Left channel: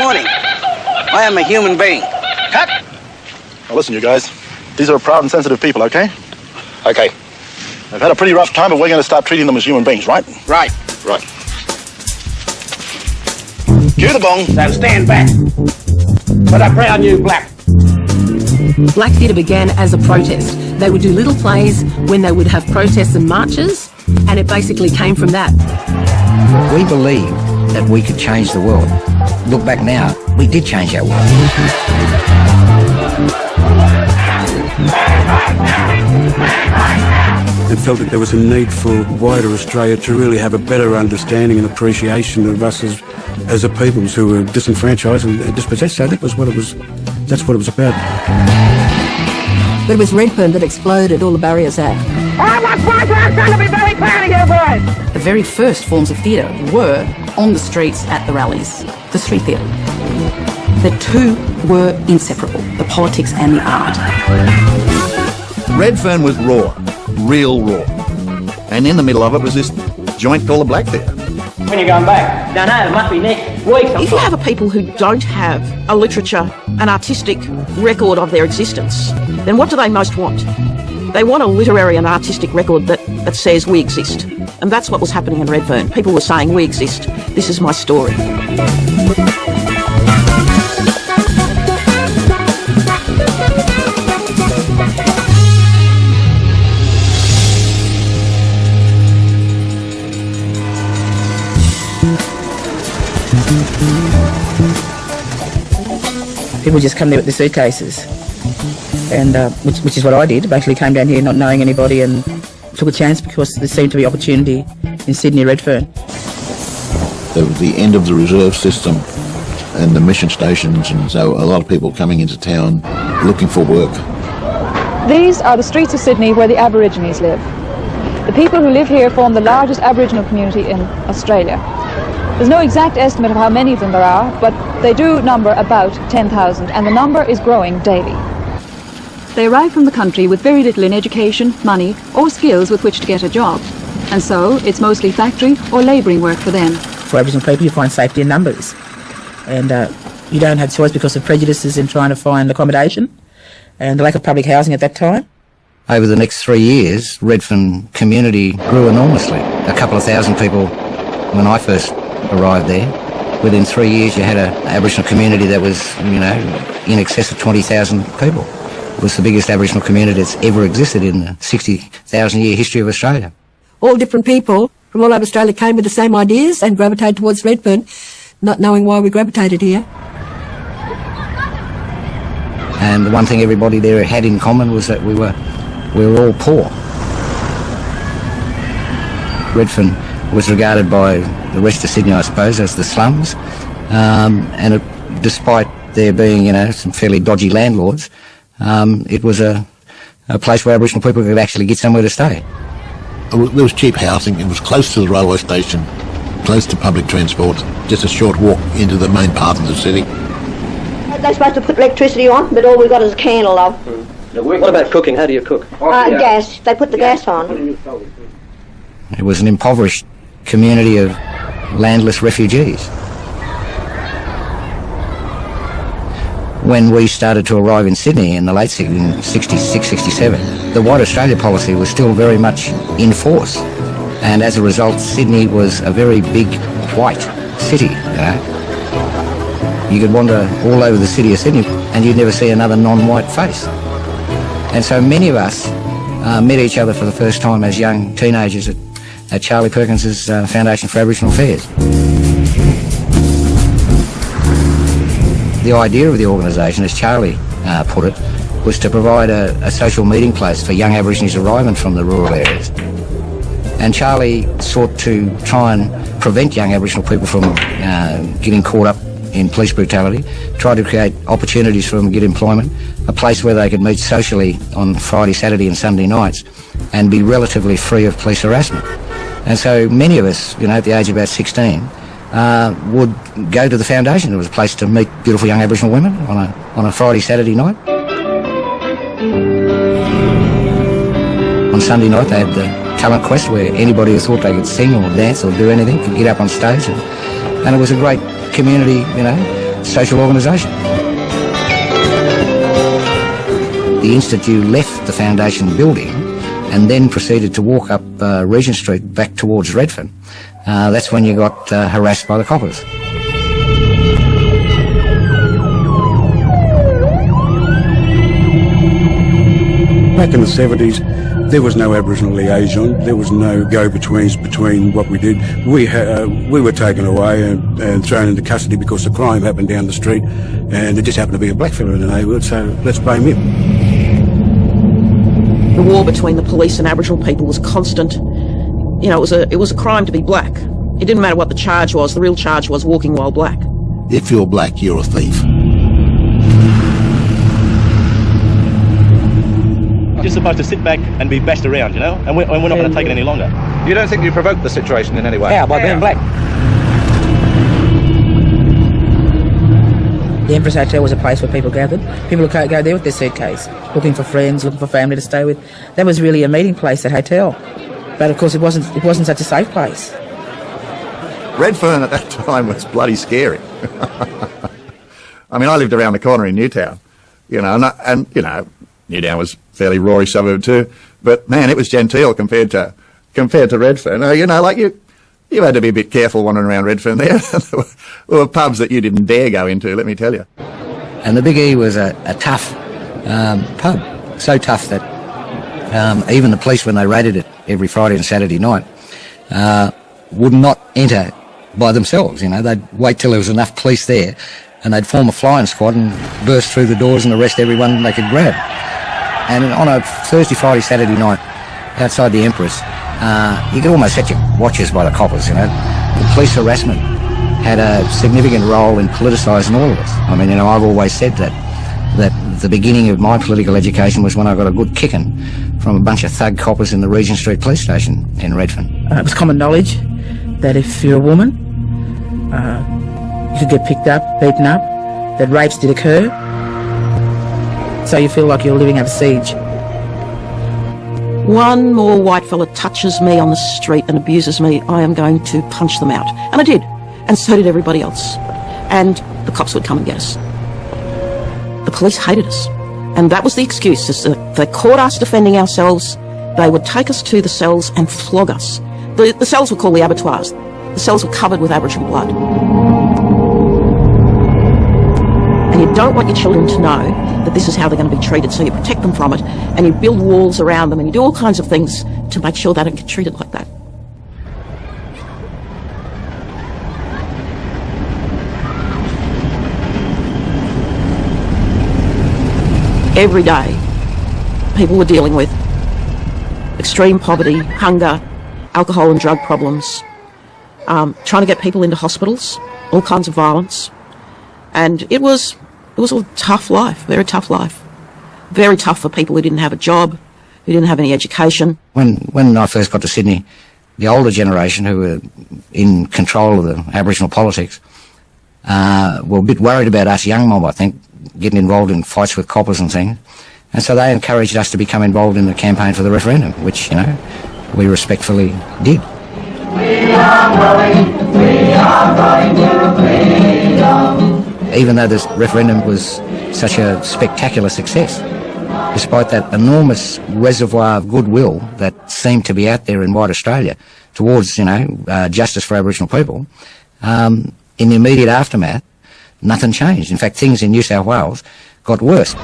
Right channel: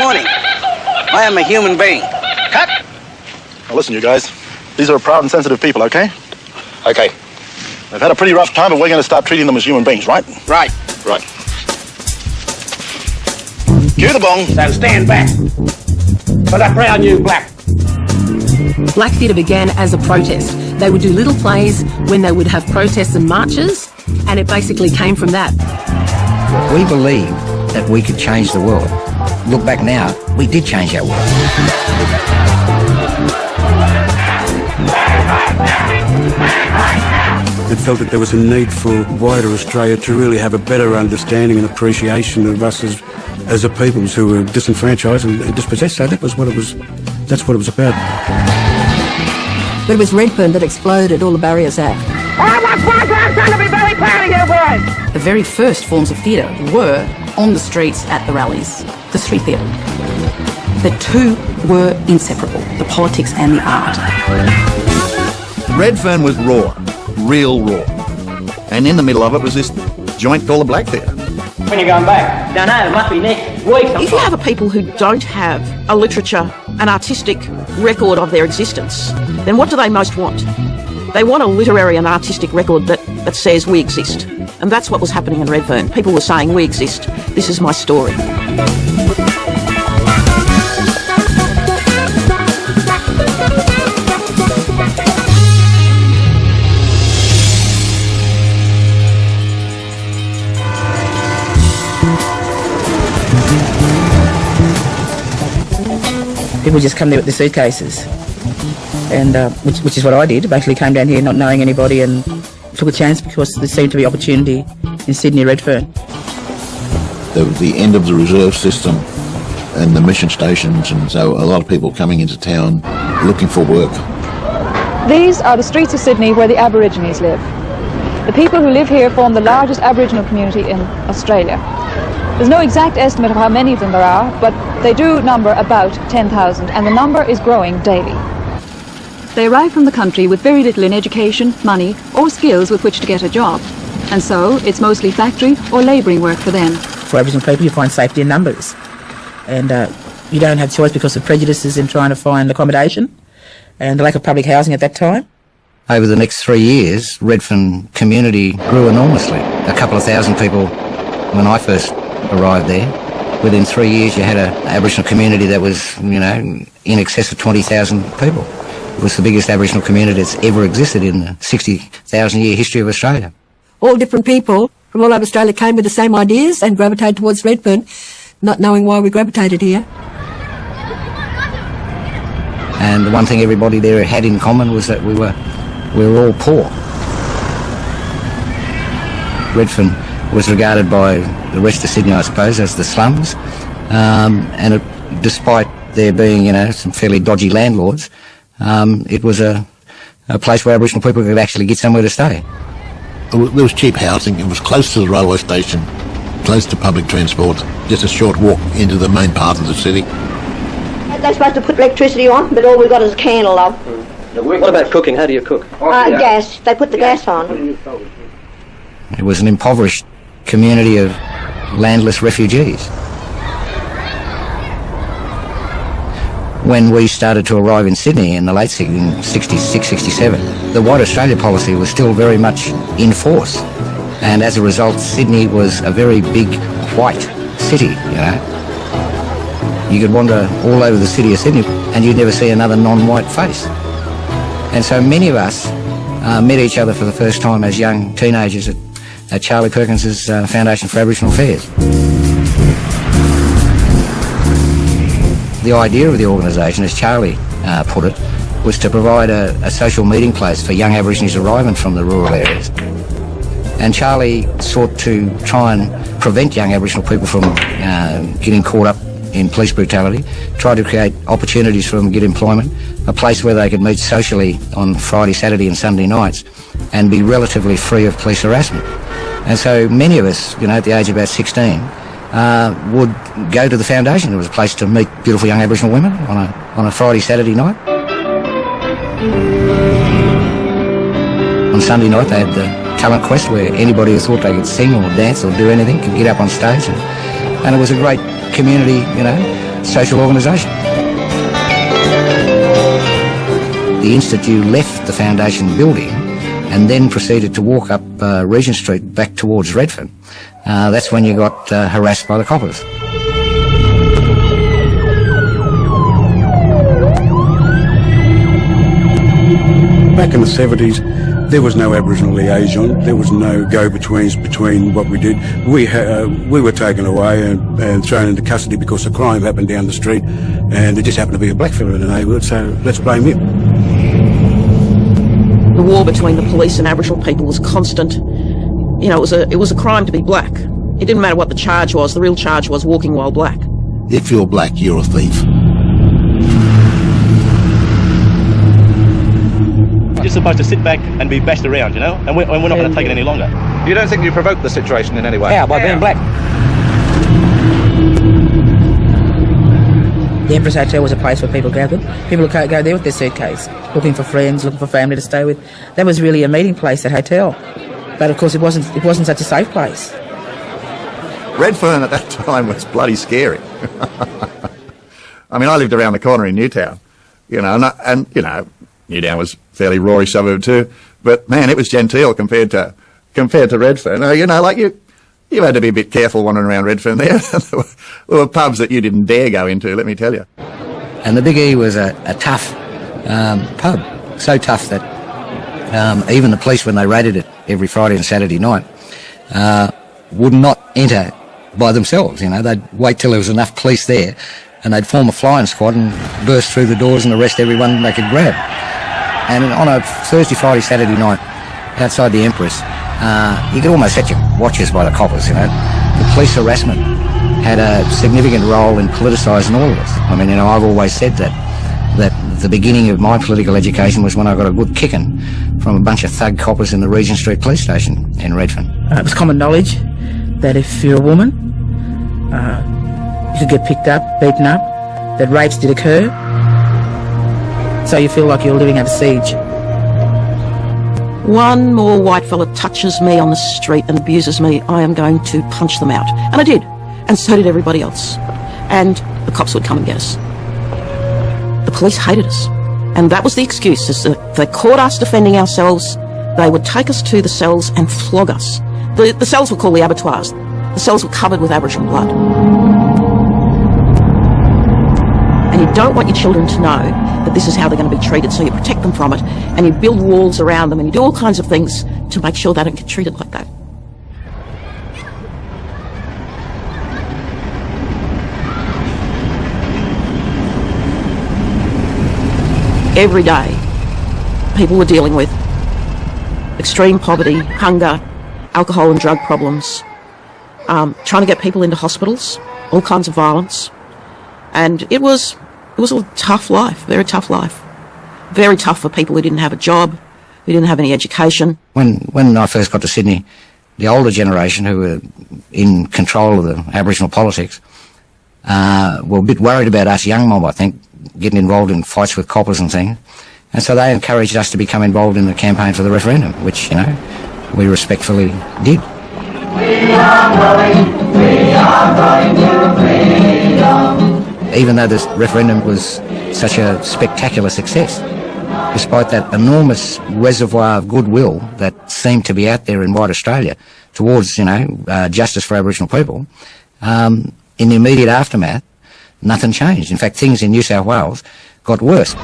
morning. I am a human being. Cut! Now listen, you guys. These are proud and sensitive people, okay? Okay. They've had a pretty rough time, but we're going to start treating them as human beings, right? Right. Right. Cue the gong. Now stand back. For the brown new black. Black Theatre began as a protest. They would do little plays when they would have protests and marches, and it basically came from that. We believed that we could change the world. Look back now, we did change our world. It felt that there was a need for wider Australia to really have a better understanding and appreciation of us as a people who were disenfranchised and dispossessed. So that's what it was about. It was Redfern that exploded all the barriers out. The very first forms of theatre were on the streets at the rallies, the street theatre. The two were inseparable, the politics and the art. Redfern was raw, real raw. And in the middle of it was this joint called the Black Theatre. When are you going back? No, it must be next week. If you have a people who don't have a literature, an artistic record of their existence, then what do they most want? They want a literary and artistic record that says we exist. And that's what was happening in Redfern. People were saying, we exist. This is my story. People just come there with their suitcases, and which is what I did. Basically came down here not knowing anybody and took a chance because there seemed to be opportunity in Sydney, Redfern. The end of the reserve system and the mission stations, and so a lot of people coming into town looking for work. These are the streets of Sydney where the Aborigines live. The people who live here form the largest Aboriginal community in Australia. There's no exact estimate of how many of them there are, but they do number about 10,000, and the number is growing daily. They arrive from the country with very little in education, money, or skills with which to get a job. And so it's mostly factory or labouring work for them. For Aboriginal people, you find safety in numbers. And you don't have choice because of prejudices in trying to find accommodation and the lack of public housing at that time. Over the next 3 years, Redfern community grew enormously. A couple of thousand people when I first arrived there. Within 3 years, you had an Aboriginal community that was, in excess of 20,000 people. It was the biggest Aboriginal community that's ever existed in the 60,000-year history of Australia. All different people from all over Australia came with the same ideas and gravitated towards Redfern, not knowing why we gravitated here. And the one thing everybody there had in common was that we were all poor. Redfern was regarded by the rest of Sydney, I suppose, as the slums. Despite there being, some fairly dodgy landlords, it was a place where Aboriginal people could actually get somewhere to stay. There was cheap housing. It was close to the railway station, close to public transport, just a short walk into the main part of the city. They're supposed to put electricity on, but all we've got is a candle, love. What about cooking? How do you cook? Gas. They put the gas on. It was an impoverished community of landless refugees. When we started to arrive in Sydney in the late 66, 67, the White Australia policy was still very much in force. And as a result, Sydney was a very big white city, You could wander all over the city of Sydney and you'd never see another non-white face. And so many of us met each other for the first time as young teenagers at Charlie Perkins's Foundation for Aboriginal Affairs. The idea of the organisation, as Charlie put it, was to provide a social meeting place for young Aborigines arriving from the rural areas. And Charlie sought to try and prevent young Aboriginal people from getting caught up in police brutality, tried to create opportunities for them to get employment, a place where they could meet socially on Friday, Saturday and Sunday nights and be relatively free of police harassment. And so many of us, at the age of about 16, would go to the foundation. It was a place to meet beautiful young Aboriginal women on a Friday, Saturday night. On Sunday night they had the talent quest where anybody who thought they could sing or dance or do anything could get up on stage. And it was a great community, social organisation. The Institute left the foundation building and then proceeded to walk up Regent Street back towards Redfern. That's when you got harassed by the coppers. Back in the 70s, there was no Aboriginal liaison. There was no go-betweens between what we did. We were taken away and thrown into custody because the crime happened down the street, and there just happened to be a blackfellow in the neighbourhood, so let's blame him. The war between the police and Aboriginal people was constant. It was a crime to be black. It didn't matter what the charge was. The real charge was walking while black. If you're black, you're a thief. You're supposed to sit back and be bashed around, and we're not going to take it any longer. You don't think you provoked the situation in any way? Yeah, by being black. The Empress Hotel was a place where people gathered. People who can't go there with their suitcase, looking for friends, looking for family to stay with. That was really a meeting place, that hotel. But of course it wasn't such a safe place. Redfern at that time was bloody scary. I mean, I lived around the corner in Newtown, and Newtown was a fairly roary suburb too, but man, it was genteel compared to Redfern. You had to be a bit careful wandering around Redfern there. There were pubs that you didn't dare go into, let me tell you. And the Big E was a tough pub, so tough that even the police, when they raided it every Friday and Saturday night, would not enter by themselves. They'd wait till there was enough police there, and they'd form a flying squad and burst through the doors and arrest everyone they could grab. And on a Thursday, Friday, Saturday night, outside the Empress, you could almost set your watches by the coppers. The police harassment had a significant role in politicising all of us. I mean, I've always said that the beginning of my political education was when I got a good kicking from a bunch of thug coppers in the Regent Street police station in Redfern. It was common knowledge that if you're a woman, you could get picked up, beaten up, that rapes did occur. So you feel like you're living under siege. One more white fella touches me on the street and abuses me, I am going to punch them out. And I did. And so did everybody else. And the cops would come and get us. The police hated us. And that was the excuse, is that they caught us defending ourselves, they would take us to the cells and flog us. The cells were called the abattoirs. The cells were covered with Aboriginal blood. And you don't want your children to know that this is how they're going to be treated, so you protect them from it, and you build walls around them, and you do all kinds of things to make sure they don't get treated like that. Every day, people were dealing with extreme poverty, hunger, alcohol and drug problems, trying to get people into hospitals, all kinds of violence. And it was a tough life, very tough life. Very tough for people who didn't have a job, who didn't have any education. When I first got to Sydney, the older generation who were in control of the Aboriginal politics were a bit worried about us young mob, I think, getting involved in fights with coppers and things. And so they encouraged us to become involved in the campaign for the referendum, which, we respectfully did. Even though this referendum was such a spectacular success, despite that enormous reservoir of goodwill that seemed to be out there in white Australia towards, justice for Aboriginal people, in the immediate aftermath, nothing changed. In fact, things in New South Wales got worse.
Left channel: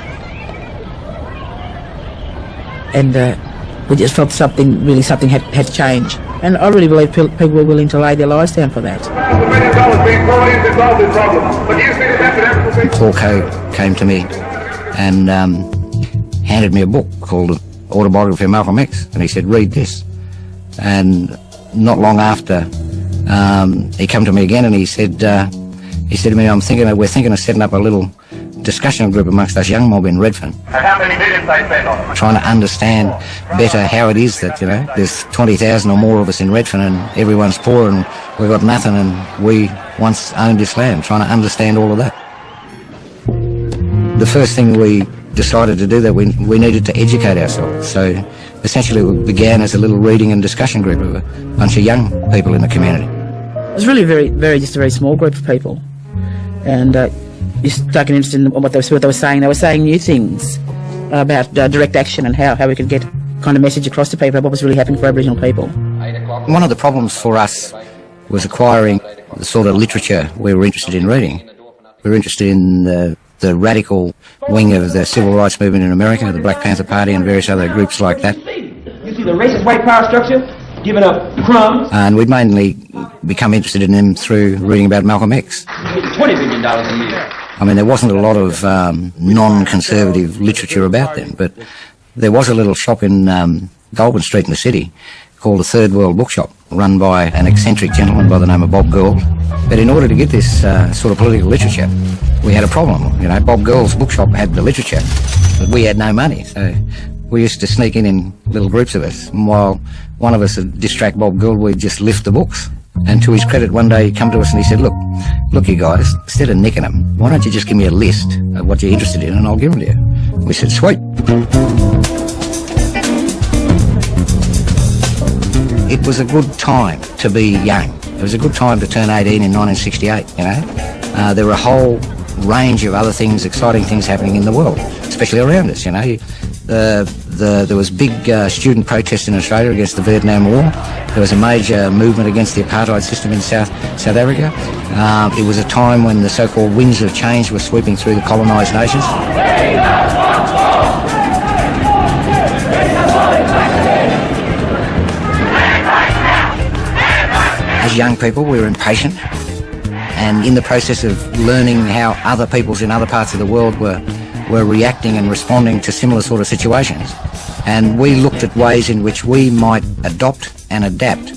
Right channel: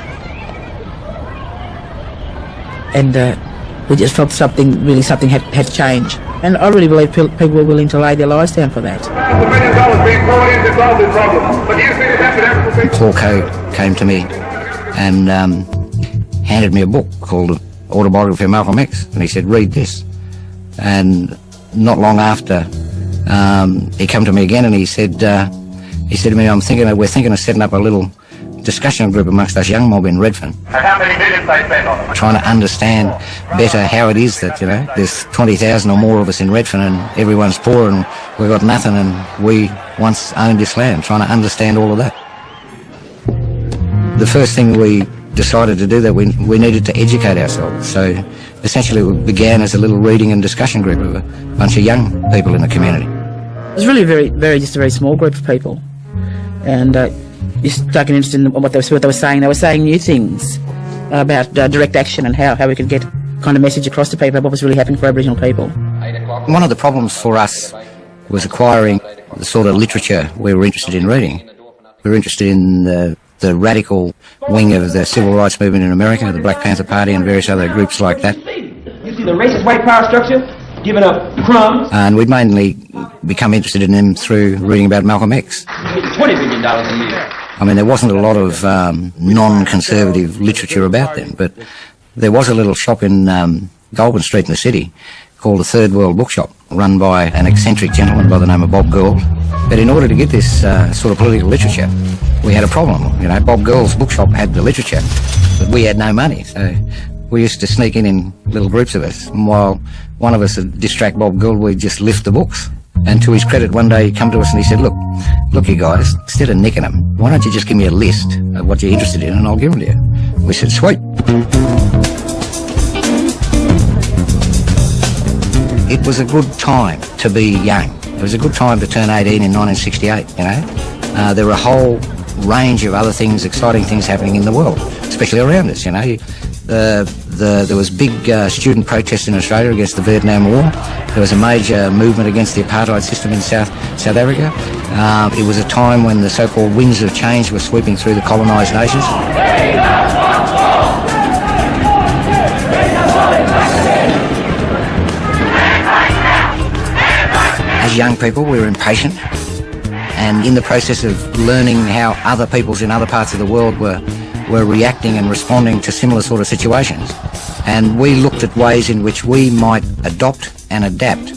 And we just felt something had changed. And I really believe people were willing to lay their lives down for that. Paul Coe came to me and handed me a book called Autobiography of Malcolm X, and he said, read this. And not long after, he came to me again and he said to me, we're thinking of setting up a little discussion group amongst us young mob in Redfern, trying to understand better how it is that, there's 20,000 or more of us in Redfern and everyone's poor and we've got nothing and we once owned this land, trying to understand all of that. The first thing we decided to do that we needed to educate ourselves. So essentially it began as a little reading and discussion group of a bunch of young people in the community. It was really just a very small group of people. and you start getting interested in what they were saying. They were saying new things about direct action and how we could get kind of message across to people what was really happening to Aboriginal people. One of the problems for us was acquiring the sort of literature we were interested in reading. We were interested in the radical wing of the civil rights movement in America, the Black Panther Party and various other groups like that. You see the racist white power structure giving up crumbs. And we'd mainly become interested in them through reading about Malcolm X. $20 million a year. I mean, there wasn't a lot of non-conservative literature about them, but there was a little shop in Goulburn Street in the city called the Third World Bookshop, run by an eccentric gentleman by the name of Bob Gould. But in order to get this sort of political literature, we had a problem. You know, Bob Gould's bookshop had the literature, but we had no money. So we used to sneak in little groups of us, and while one of us would distract Bob Gould, we'd just lift the books. And to his credit, one day he'd come to us and he said, look you guys, instead of nicking them, why don't you just give me a list of what you're interested in and I'll give them to you. We said, sweet. It was a good time to be young. It was a good time to turn 18 in 1968, you know. There were a whole range of other things, exciting things happening in the world, especially around us, you know. There was big student protests in Australia against the Vietnam War. There was a major movement against the apartheid system in South Africa. It was a time when the so-called winds of change were sweeping through the colonised nations. As young people, we were impatient, and in the process of learning how other peoples in other parts of the world were reacting and responding to similar sort of situations. And we looked at ways in which we might adopt and adapt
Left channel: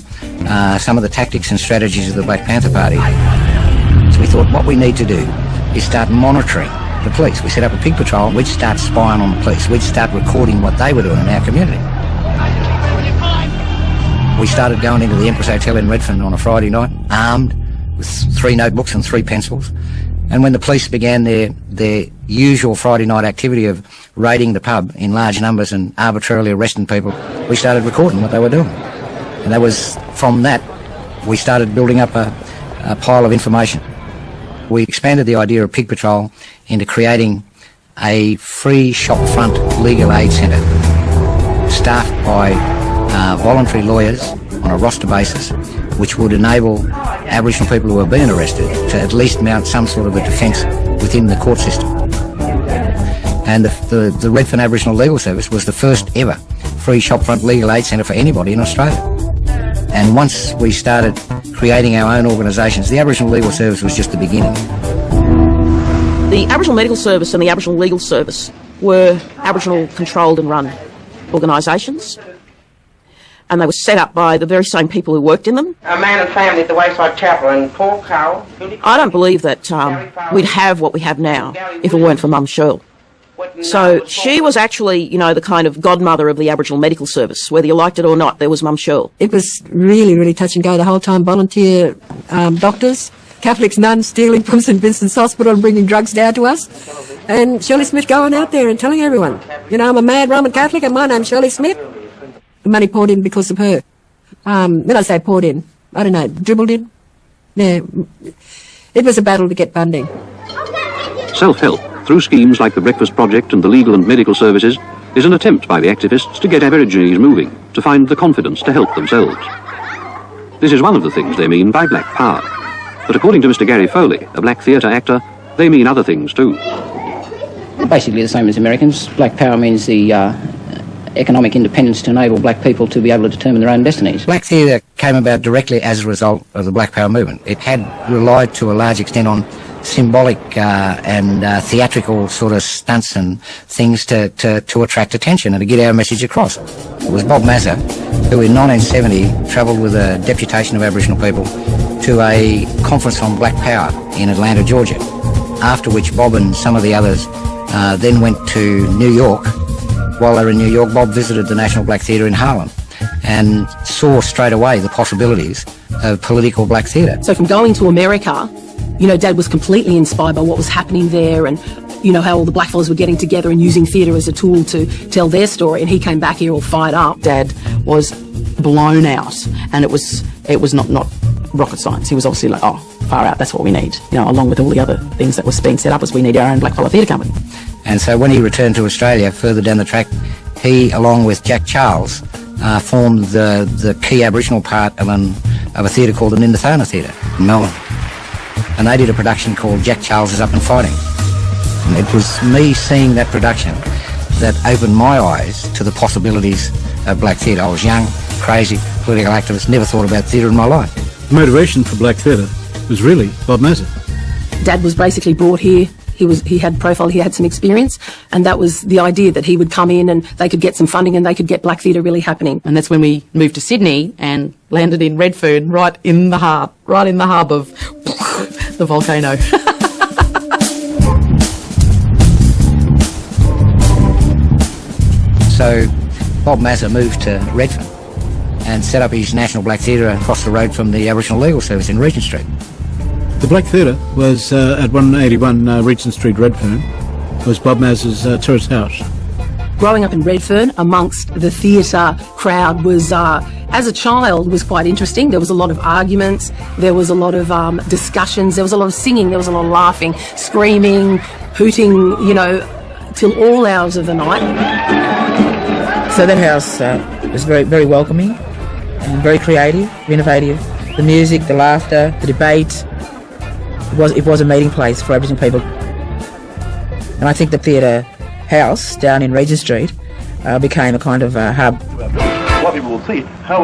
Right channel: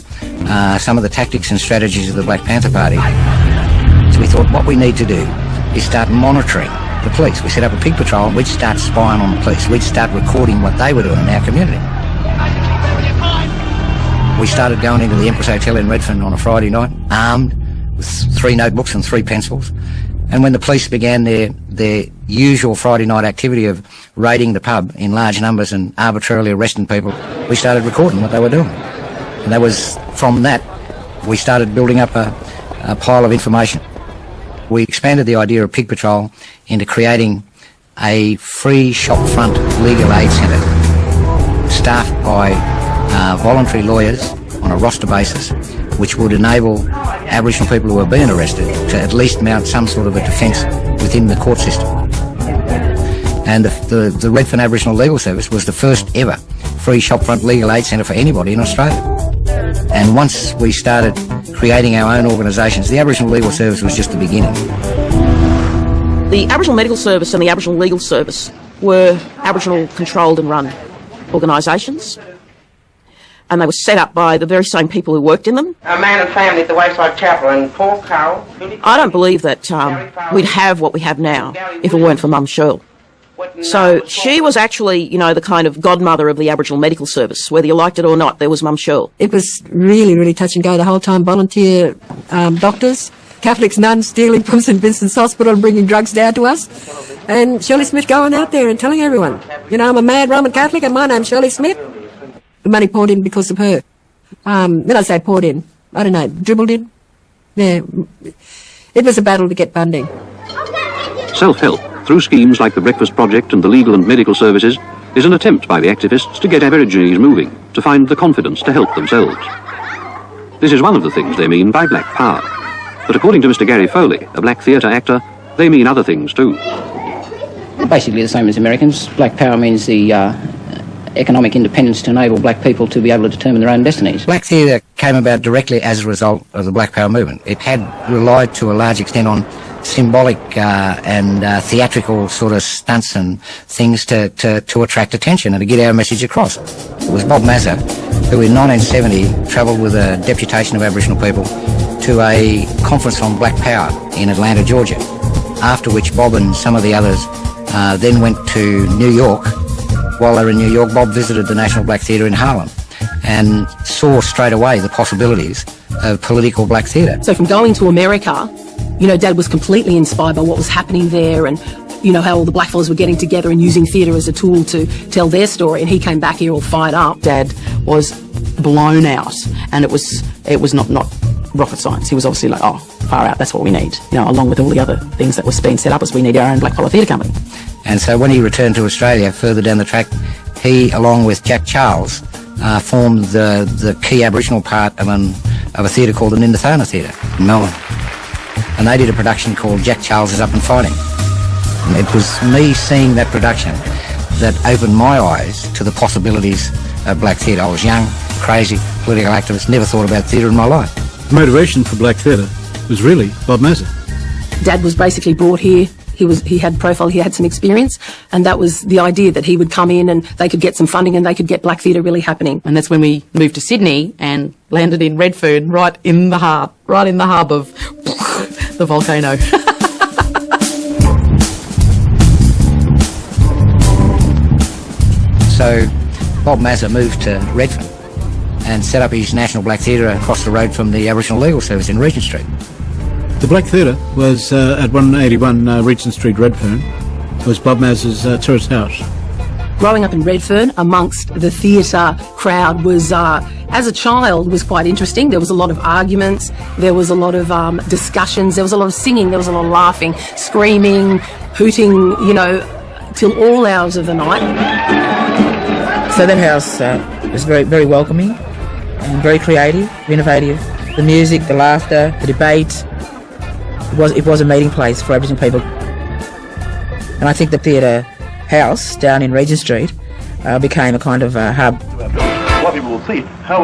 some of the tactics and strategies of the Black Panther Party. So we thought what we need to do is start monitoring the police. We set up a pig patrol, we'd start spying on the police, we'd start recording what they were doing in our community. We started going into the Empress Hotel in Redfern on a Friday night, armed with 3 notebooks and 3 pencils. And when the police began their usual Friday night activity of raiding the pub in large numbers and arbitrarily arresting people, we started recording what they were doing. And that was, from that, we started building up a pile of information. We expanded the idea of Pig Patrol into creating a free shopfront legal aid centre staffed by voluntary lawyers on a roster basis, which would enable Aboriginal people who are being arrested to at least mount some sort of a defence within the court system. And the Redfern Aboriginal Legal Service was the first ever free shopfront legal aid centre for anybody in Australia. And once we started creating our own organisations, the Aboriginal Legal Service was just the beginning. The Aboriginal Medical Service and the Aboriginal Legal Service were Aboriginal controlled and run organisations. And they were set up by the very same people who worked in them. A man and family at the Wayside Chapel and Paul Carroll. I don't believe that we'd have what we have now if it weren't for Mum Shirl. So she was actually, you know, the kind of godmother of the Aboriginal Medical Service. Whether you liked it or not, there was Mum Shirl. It was really, really touch and go the whole time. Volunteer doctors, Catholics, nuns stealing from St Vincent's Hospital and bringing drugs down to us. And Shirley Smith going out there and telling everyone, you know, I'm a mad Roman Catholic and my name's Shirley Smith. The money poured in because of her. When I say poured in, I don't know, dribbled in. Yeah. It was a battle to get funding. Self-help, through schemes like the Breakfast Project and the legal and medical services, is an attempt by the activists to get Aborigines moving, to find the confidence to help themselves. This is one of the things they mean by black power. But according to Mr. Gary Foley, a black theatre actor, they mean other things too. Basically the same as Americans. Black power means the economic independence to enable black people to be able to determine their own destinies. Black theatre came about directly as a result of the Black Power movement. It had relied to a large extent on symbolic and theatrical sort of stunts and things to attract attention and to get our message across. It was Bob Mazza who in 1970 travelled with a deputation of Aboriginal people to a conference on black power in Atlanta, Georgia, after which Bob and some of the others then went to New York. While they were in New York, Bob visited the National Black Theatre in Harlem and saw straight away the possibilities of political black theatre. So from going to America, you know, Dad was completely inspired by what was happening there and, you know, how all the black fellas were getting together and using theatre as a tool to tell their story. And he came back here all fired up. Dad was blown out, and it was not rocket science. He was obviously like, oh, far out, that's what we need. You know, along with all the other things that was being set up, as we need our own black-collar theatre company. And so when he returned to Australia, further down the track, he, along with Jack Charles, formed the key Aboriginal part of a theatre called the Nindathana Theatre in Melbourne. And they did a production called Jack Charles is Up and Fighting. And it was me seeing that production that opened my eyes to the possibilities of black theatre. I was young, crazy, political activist, never thought about theatre in my life. Motivation for black theatre was really Bob Massey. Dad was basically brought here. He had profile, he had some experience, and that was the idea, that he would come in and they could get some funding and they could get black theatre really happening. And that's when we moved to Sydney and landed in Redfern, right in the hub of the volcano. So Bob Massey moved to Redfern and set up his National Black Theatre across the road from the Aboriginal Legal Service in Regent Street. The Black Theatre was at 181 Regent Street, Redfern. It was Bob Massey's tourist house. Growing up in Redfern amongst the theatre crowd was, as a child, was quite interesting. There was a lot of arguments, there was a lot of discussions, there was a lot of singing, there was a lot of laughing, screaming, hooting, you know, till all hours of the night. So that house was very, very welcoming, very creative, innovative. The music, the laughter, the debate. It was a meeting place for Aboriginal people. And I think the theatre house down in Regent Street became a kind of a hub.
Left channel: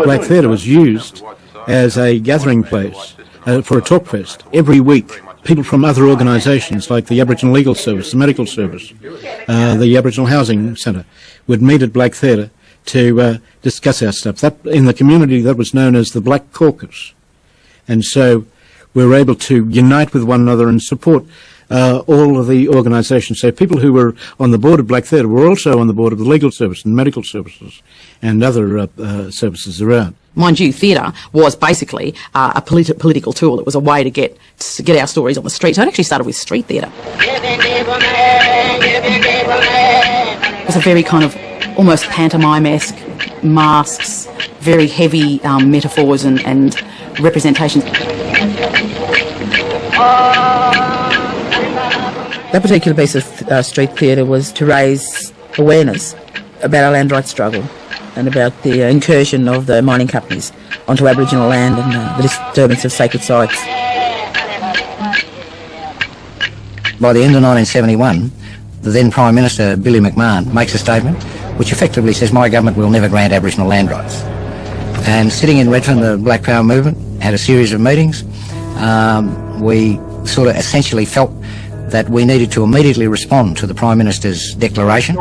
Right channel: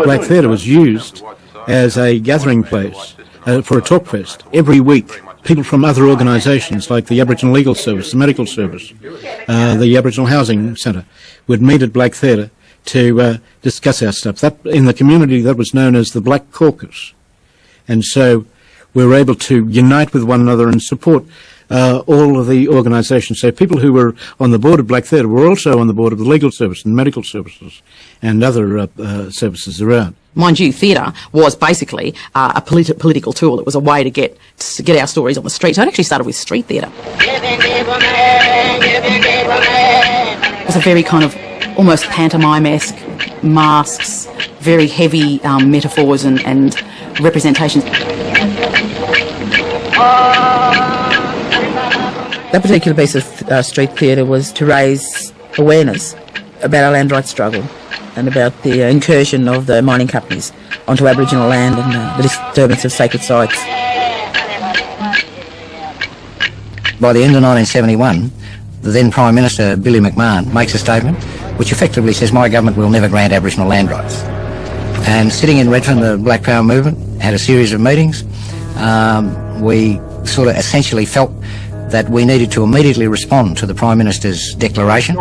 Black theatre was used as a gathering place for a talk fest every week. People from other organisations like the Aboriginal Legal Service, the Medical Service, the Aboriginal Housing Centre would meet at Black Theatre to discuss our stuff. That, in the community, that was known as the Black Caucus. And so we were able to unite with one another and support all of the organisations. So people who were on the board of Black Theatre were also on the board of the Legal Service and Medical Services and other services around. Mind you, theatre was basically a political tool. It was a way to get our stories on the street. So it actually started with street theatre. It was a very kind of almost pantomime-esque, masks, very heavy metaphors and representations. That particular piece of street theatre was to raise awareness about our land rights struggle and about the incursion of the mining companies onto Aboriginal land and the disturbance of sacred sites. By the end of 1971, the then Prime Minister, Billy McMahon, makes a statement which effectively says, my government will never grant Aboriginal land rights. And sitting in Redfern, the Black Power movement had a series of meetings. We sort of essentially felt that we needed to immediately respond to the Prime Minister's declaration.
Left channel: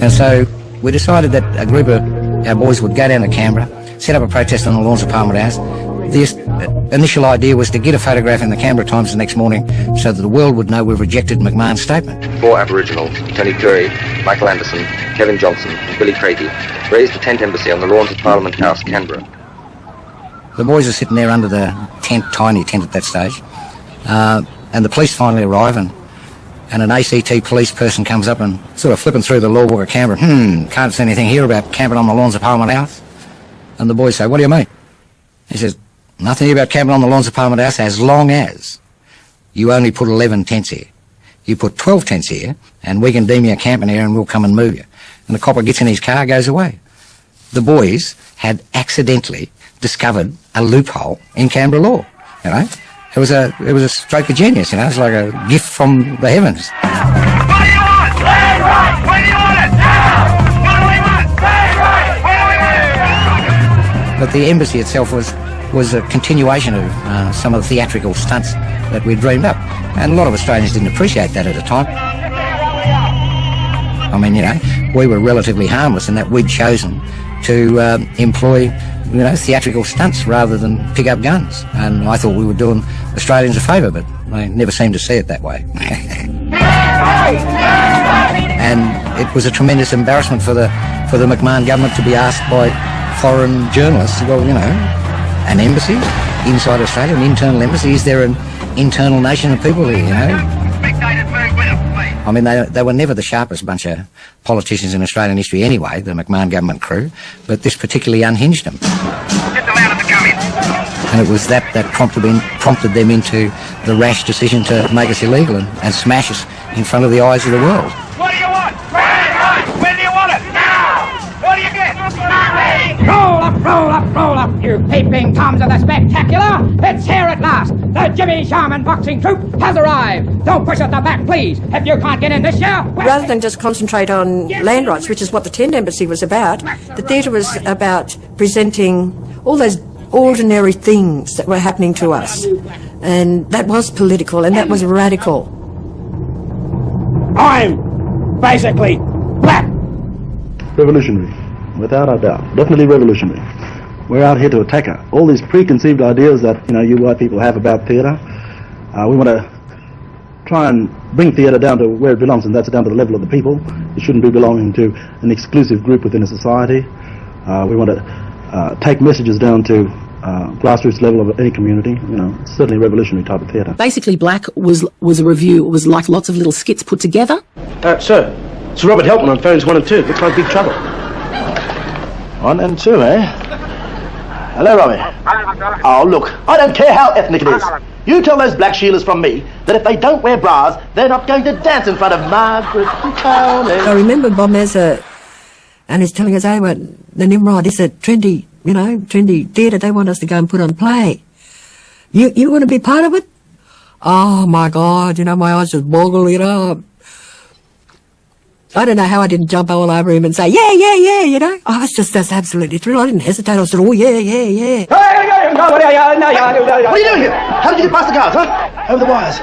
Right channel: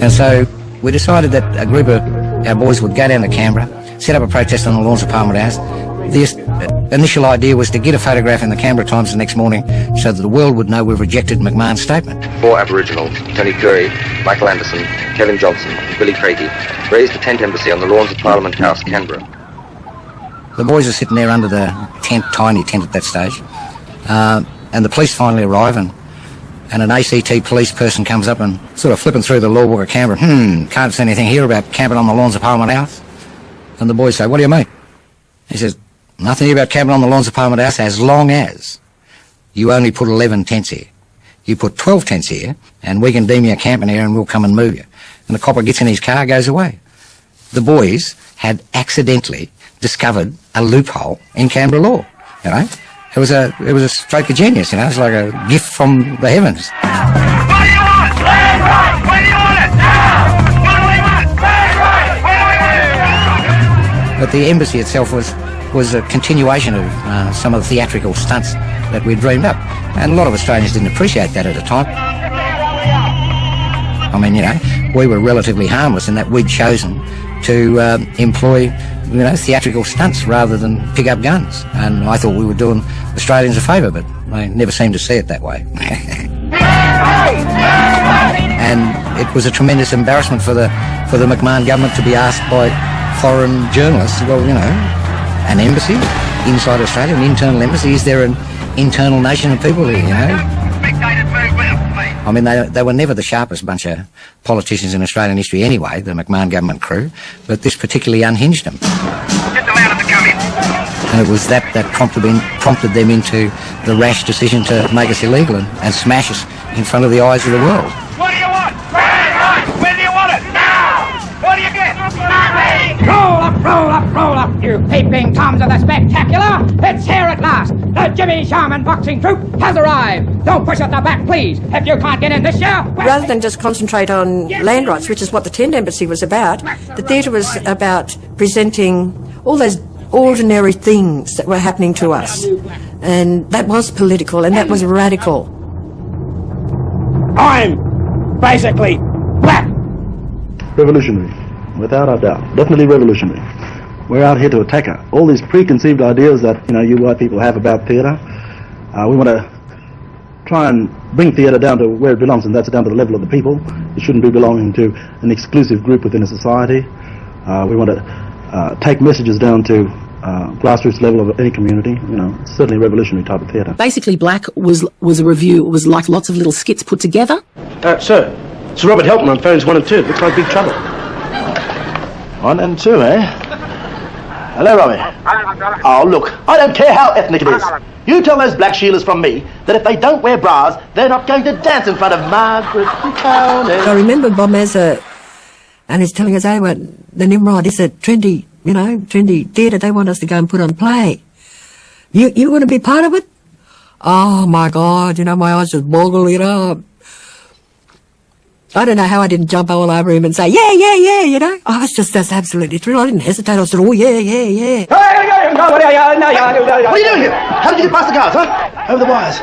And so we decided that a group of our boys would go down to Canberra, set up a protest on the lawns of Parliament House. The initial idea was to get a photograph in the Canberra Times the next morning so that the world would know we've rejected McMahon's statement. 4 Aboriginal, Tony Cleary, Michael Anderson, Kevin Johnson, Billy Craigie, raised a tent embassy on the lawns of Parliament House, Canberra. The boys are sitting there under the tent, tiny tent at that stage, and the police finally arrive, and an ACT police person comes up and sort of flipping through the law book of Canberra. Can't see anything here about camping on the lawns of Parliament House. And the boys say, what do you mean? He says, nothing here about camping on the lawns of Parliament House as long as you only put 11 tents here. You put 12 tents here, and we can deem you camping here and we'll come and move you. And the copper gets in his car, goes away. The boys had accidentally discovered a loophole in Canberra law. You know? It was a stroke of genius, you know, it's like a gift from the heavens. But the embassy itself was a continuation of some of the theatrical stunts that we dreamed up. And a lot of Australians didn't appreciate that at the time. I mean, you know, we were relatively harmless in that we'd chosen to employ, you know, theatrical stunts rather than pick up guns. And I thought we were doing Australians a favour, but they never seemed to see it that way. And it was a tremendous embarrassment for the McMahon government to be asked by foreign journalists, well, you know, an embassy inside Australia, an internal embassy, is there an internal nation of people here, you know? I mean, they were never the sharpest bunch of politicians in Australian history anyway, the McMahon government crew, but this particularly unhinged them. And it was that prompted them into the rash decision to make us illegal and smash us in front of the eyes of the world. What do you want? Where do you want it? Now! What do you get? Roll up, roll up, roll up, you peeping toms of the spectacular! It's here at last! The Jimmy Sharman boxing troupe has arrived! Don't push us the back, please, if you can't get in this year! Rather than just concentrate on land rights, which is what the Tent Embassy was about, the theatre was about presenting all those ordinary things that were happening to us. And that was political, and that was radical. I'm basically black! Revolutionary, without a doubt. Definitely revolutionary. We're out here to attack all these preconceived ideas that, you white people have about theatre. We want to try and bring theatre down to where it belongs, and that's down to the level of the people. It shouldn't be belonging to an exclusive group within a society. We want to take messages down to grassroots level of any community, certainly revolutionary type of theatre. Basically, Black was a review. It was like lots of little skits put together. Sir, it's Robert Helton on phones 1 and 2. Looks like big trouble. 1 and 2, eh? Hello, Robbie. Oh, look, I don't care how ethnic it is. You tell those black Sheilas from me that if they don't wear bras, they're not going to dance in front of Margaret. I remember Bob Mazza, and he's telling us, hey, what, the Nimrod is a trendy theatre. They want us to go and put on a play. You want to be part of it? Oh, my God, my eyes just boggle, I don't know how I didn't jump all over him and say, yeah, I was just absolutely thrilled. I didn't hesitate. I said, oh, yeah. What are you doing here? How did you get past the guards, huh? Over the wires.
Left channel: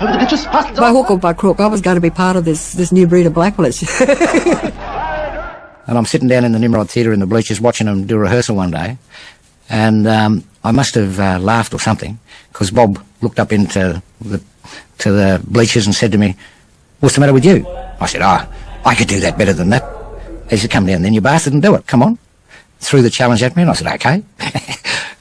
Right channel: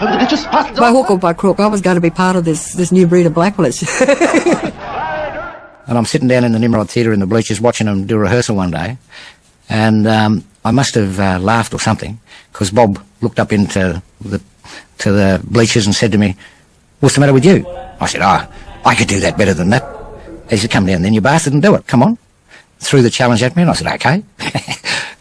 Over the ditches, past the... By hook or by crook, I was going to be part of this new breed of blackfellas. And I'm sitting down in the Nimrod Theatre in the bleachers watching them do rehearsal one day, and I must have laughed or something, because Bob looked up into the bleachers and said to me, what's the matter with you? I said, I could do that better than that. He said, come down then, you bastard, and do it, come on. Threw the challenge at me, and I said, okay.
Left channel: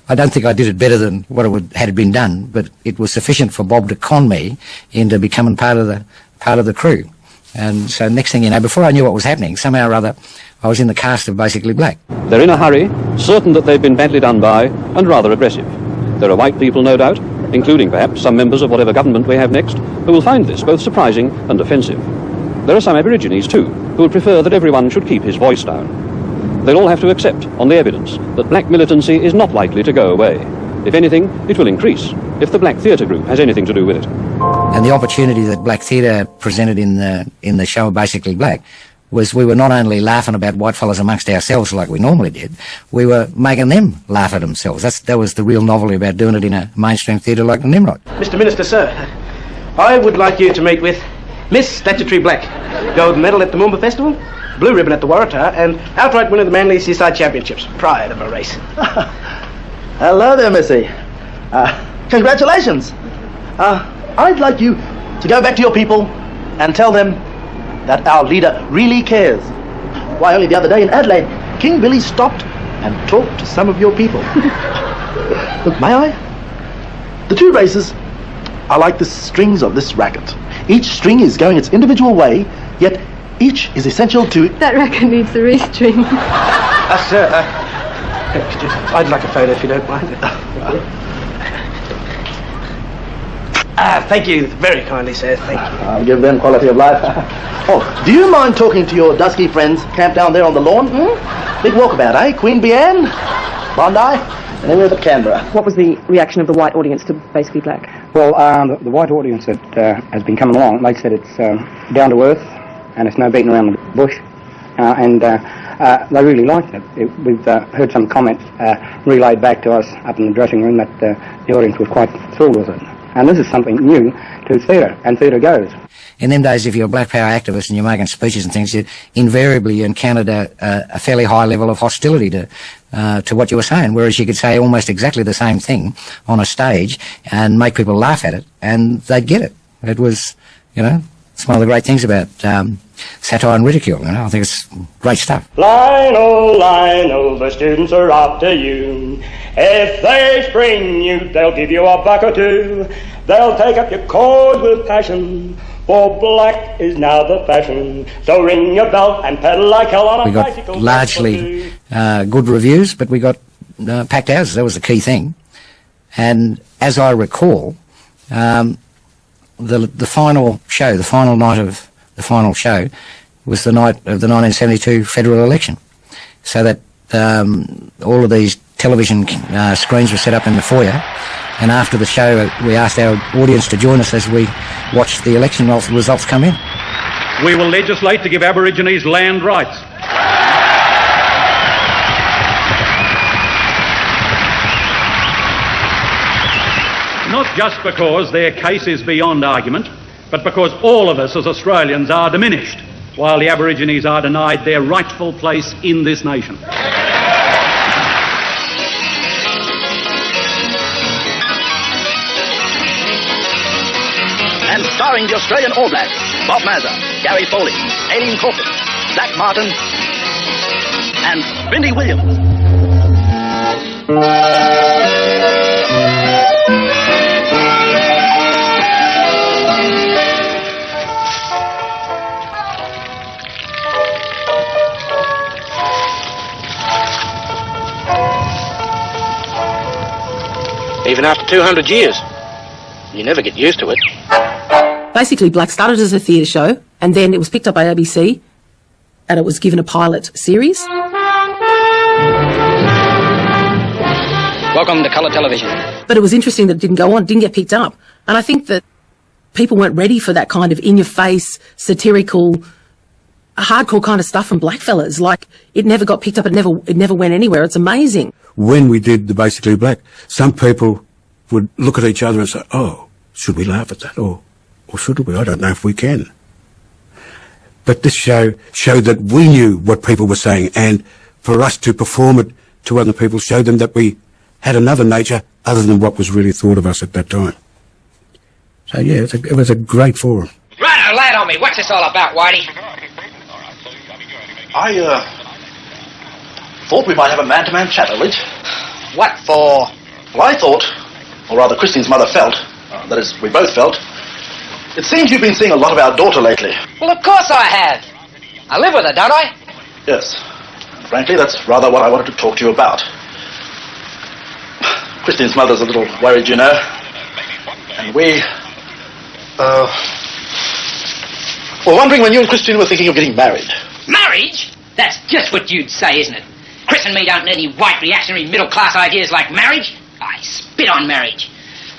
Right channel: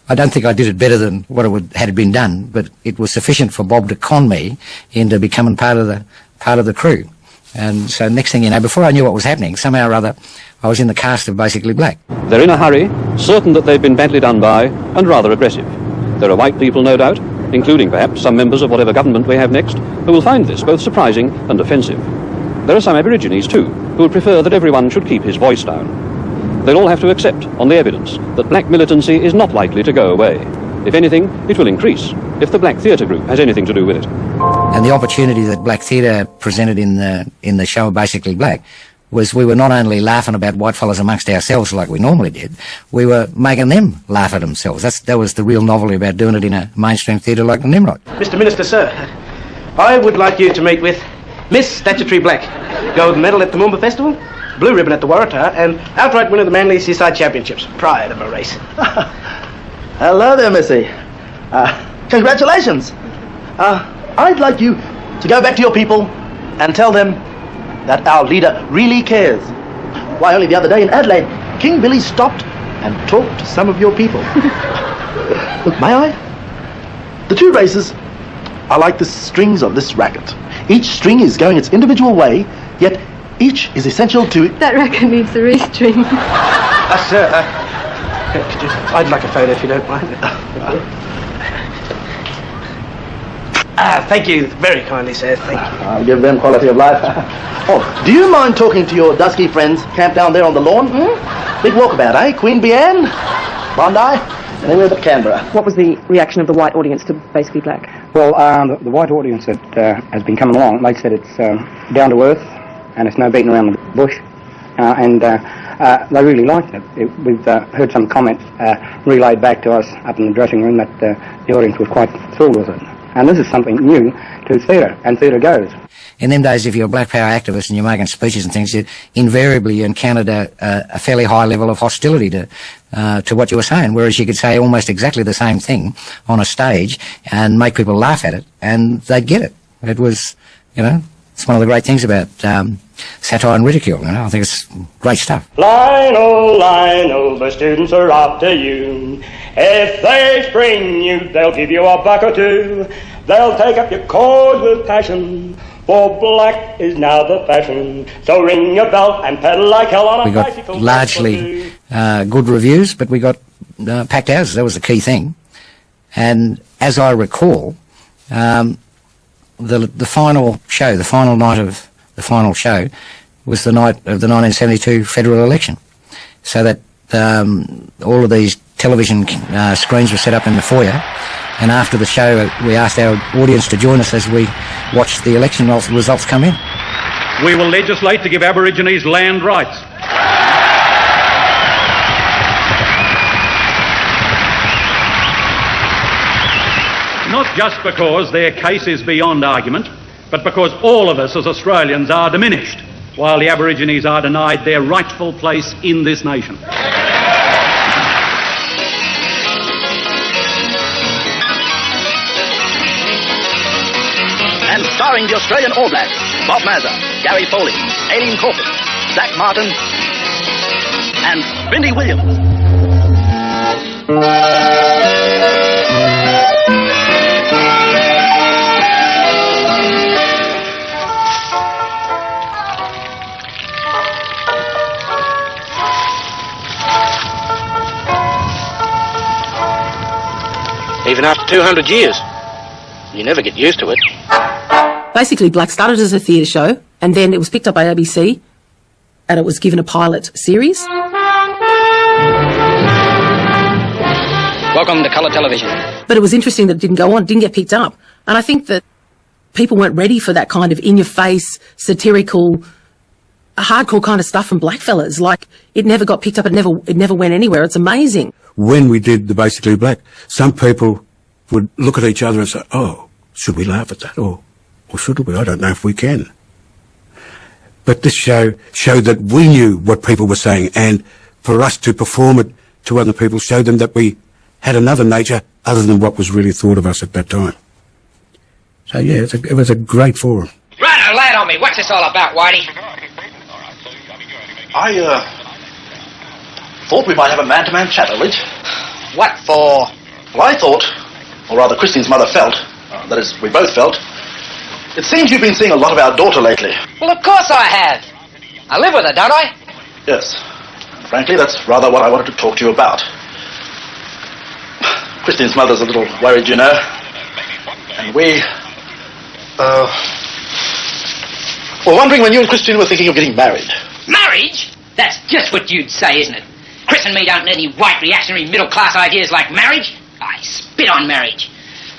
I don't think I did it better than what had been done, but it was sufficient for Bob to con me into becoming part of the crew. And so next thing you know, before I knew what was happening, somehow or other, I was in the cast of Basically Black. They're in a hurry, certain that they've been badly done by, and rather aggressive. There are white people, no doubt, including perhaps some members of whatever government we have next, who will find this both surprising and offensive. There are some Aborigines, too, who would prefer that everyone should keep his voice down. They'll all have to accept, on the evidence, that black militancy is not likely to go away. If anything, it will increase, if the Black Theatre Group has anything to do with it. And the opportunity that Black Theatre presented in the show Basically Black was we were not only laughing about whitefellas amongst ourselves like we normally did, we were making them laugh at themselves. That was the real novelty about doing it in a mainstream theatre like the Nimrod. Mr. Minister, sir, I would like you to meet with Miss Statutory Black, gold medal at the Moomba Festival, blue ribbon at the Waratah, and outright winner of the Manly Seaside Championships prior to the race. Hello there, Missy. Congratulations. I'd like you to go back to your people and tell them that our leader really cares. Why, only the other day in Adelaide, King Billy stopped and talked to some of your people. May I? The two races are like the strings of this racket. Each string is going its individual way, yet each is essential to... That racket needs the restring. Sir, I'd like a phone if you don't mind. Thank you very kindly, sir. Thank you. I'll give them quality of life. Do you mind talking to your dusky friends camped down there on the lawn? Big walkabout, eh? Queen Bian, Bondi, Canberra. What was the reaction of the white audience to Basically Black? Well, the white audience that has been coming along, they said it's down to earth and it's no beating around the bush. And they really liked it. We've heard some comments relayed back to us up in the dressing room that the audience was quite thrilled with it. And this is something new to theatre, and theatre goes. In them days, if you're a black power activist and you're making speeches and things, invariably you encountered a fairly high level of hostility to what you were saying, whereas you could say almost exactly the same thing on a stage and make people laugh at it, and they'd get it. It was, it's one of the great things about satire and ridicule. I think it's great stuff. Line, the students are on to you. If they spring you, they'll give you a buck or two. They'll take up your cause with passion, for black is now the fashion. So ring your bell and pedal like hell on a We got bicycle. largely good reviews, but we got packed houses. That was the key thing. And as I recall, the final show, the final night of the final show, was the night of the 1972 federal election. So that all of these television screens were set up in the foyer, and after the show we asked our audience to join us as we watched the election results come in. We will legislate to give Aborigines land rights. Not just because their case is beyond argument, but because all of us as Australians are diminished, while the Aborigines are denied their rightful place in this nation. And starring the Australian All Blacks, Bob Mazza, Gary Foley, Amy Corbin, Zach Martin, and Vinnie Williams. Even after 200 years, you never get used to it. Basically, Black started as a theatre show, and then it was picked up by ABC, and it was given a pilot series. Welcome to colour television. But it was interesting that it didn't go on, didn't get picked up. And I think that people weren't ready for that kind of in-your-face, satirical, hardcore kind of stuff from blackfellas. Like, it never got picked up, it never went anywhere. It's amazing. When we did the Basically Black, some people would look at each other and say, oh, should we laugh at that? Or should we? I don't know if we can. But this show showed that we knew what people were saying, and for us to perform it to other people showed them that we had another nature other than what was really thought of us at that time. So yeah, it was a great forum. Right, lay on me. What's this all about, Whitey? I thought we might have a man-to-man chat, Elridge. What for? Well, I thought, or rather Christine's mother felt, that is, we both felt, it seems you've been seeing a lot of our daughter lately. Well, of course I have. I live with her, don't I? Yes. Frankly, that's rather what I wanted to talk to you about. Christine's mother's a little worried, you know. And we, were wondering when you and Christine were thinking of getting married. Marriage? That's just what you'd say, isn't it? Chris and me don't need any white reactionary middle-class ideas like marriage. I spit on marriage.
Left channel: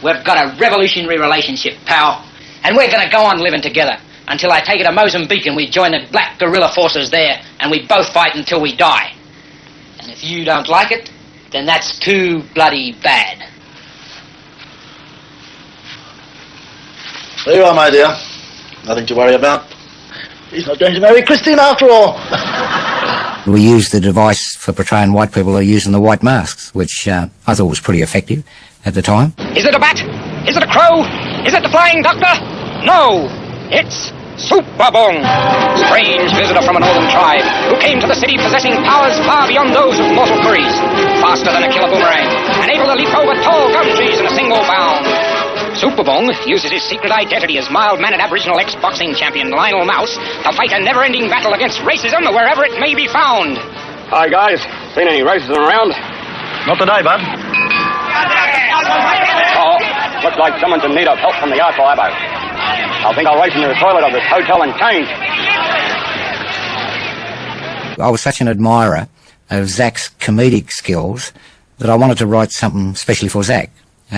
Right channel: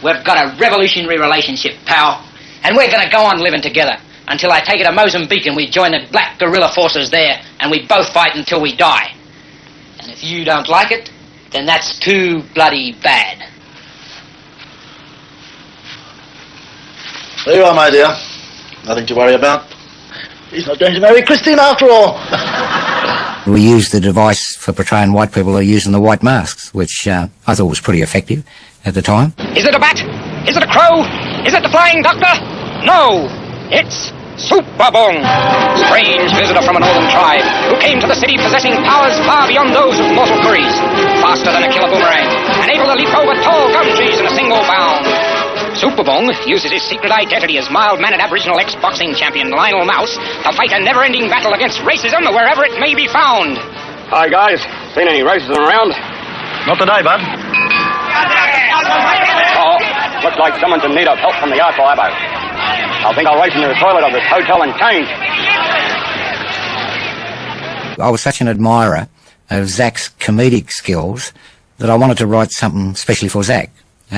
We've got a revolutionary relationship, pal. And we're going to go on living together until I take it to Mozambique and we join the black guerrilla forces there and we both fight until we die. And if you don't like it, then that's too bloody bad. There you are, my dear. Nothing to worry about. He's not going to marry Christine after all. We used the device for portraying white people who are using the white masks, which I thought was pretty effective at the time. Is it a bat? Is it a crow? Is it the Flying Doctor? No, it's Superbong, strange visitor from a northern tribe who came to the city possessing powers far beyond those of mortal furries, faster than a killer boomerang, and able to leap over tall gum trees in a single bound. Superbong uses his secret identity as mild-mannered Aboriginal ex-boxing champion Lionel Mouse to fight a never-ending battle against racism wherever it may be found. Hi, guys. Seen any racism around? Not today, bud. Oh, looks like someone's in need of help from the Arco Abo. I think I'll race into the toilet of this hotel and change. I was such an admirer of Zach's comedic skills that I wanted to write something especially for Zach. So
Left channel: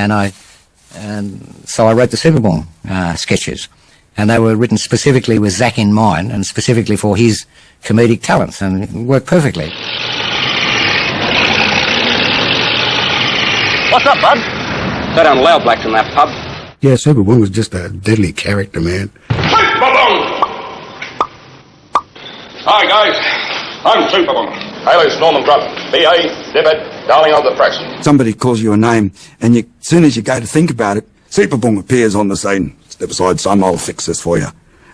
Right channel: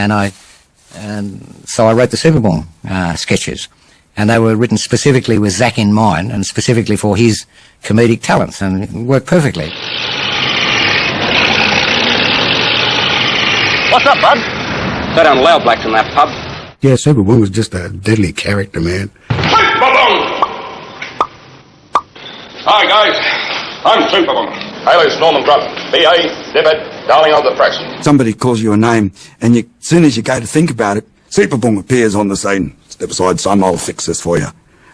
I wrote the Superbong sketches. And they were written specifically with Zach in mind and specifically for his comedic talents, and it worked perfectly. What's up, bud? Go down loud, Blacks, in that pub. Yeah, Superbong was just a deadly character, man. Hi, guys. I'm Superbong. Alias Norman Drubb. B.A., Dibbit, darling of the press. Somebody calls you a name, and as soon as you go to think about it, Superbong appears on the scene. Step aside, son, I'll fix this for you.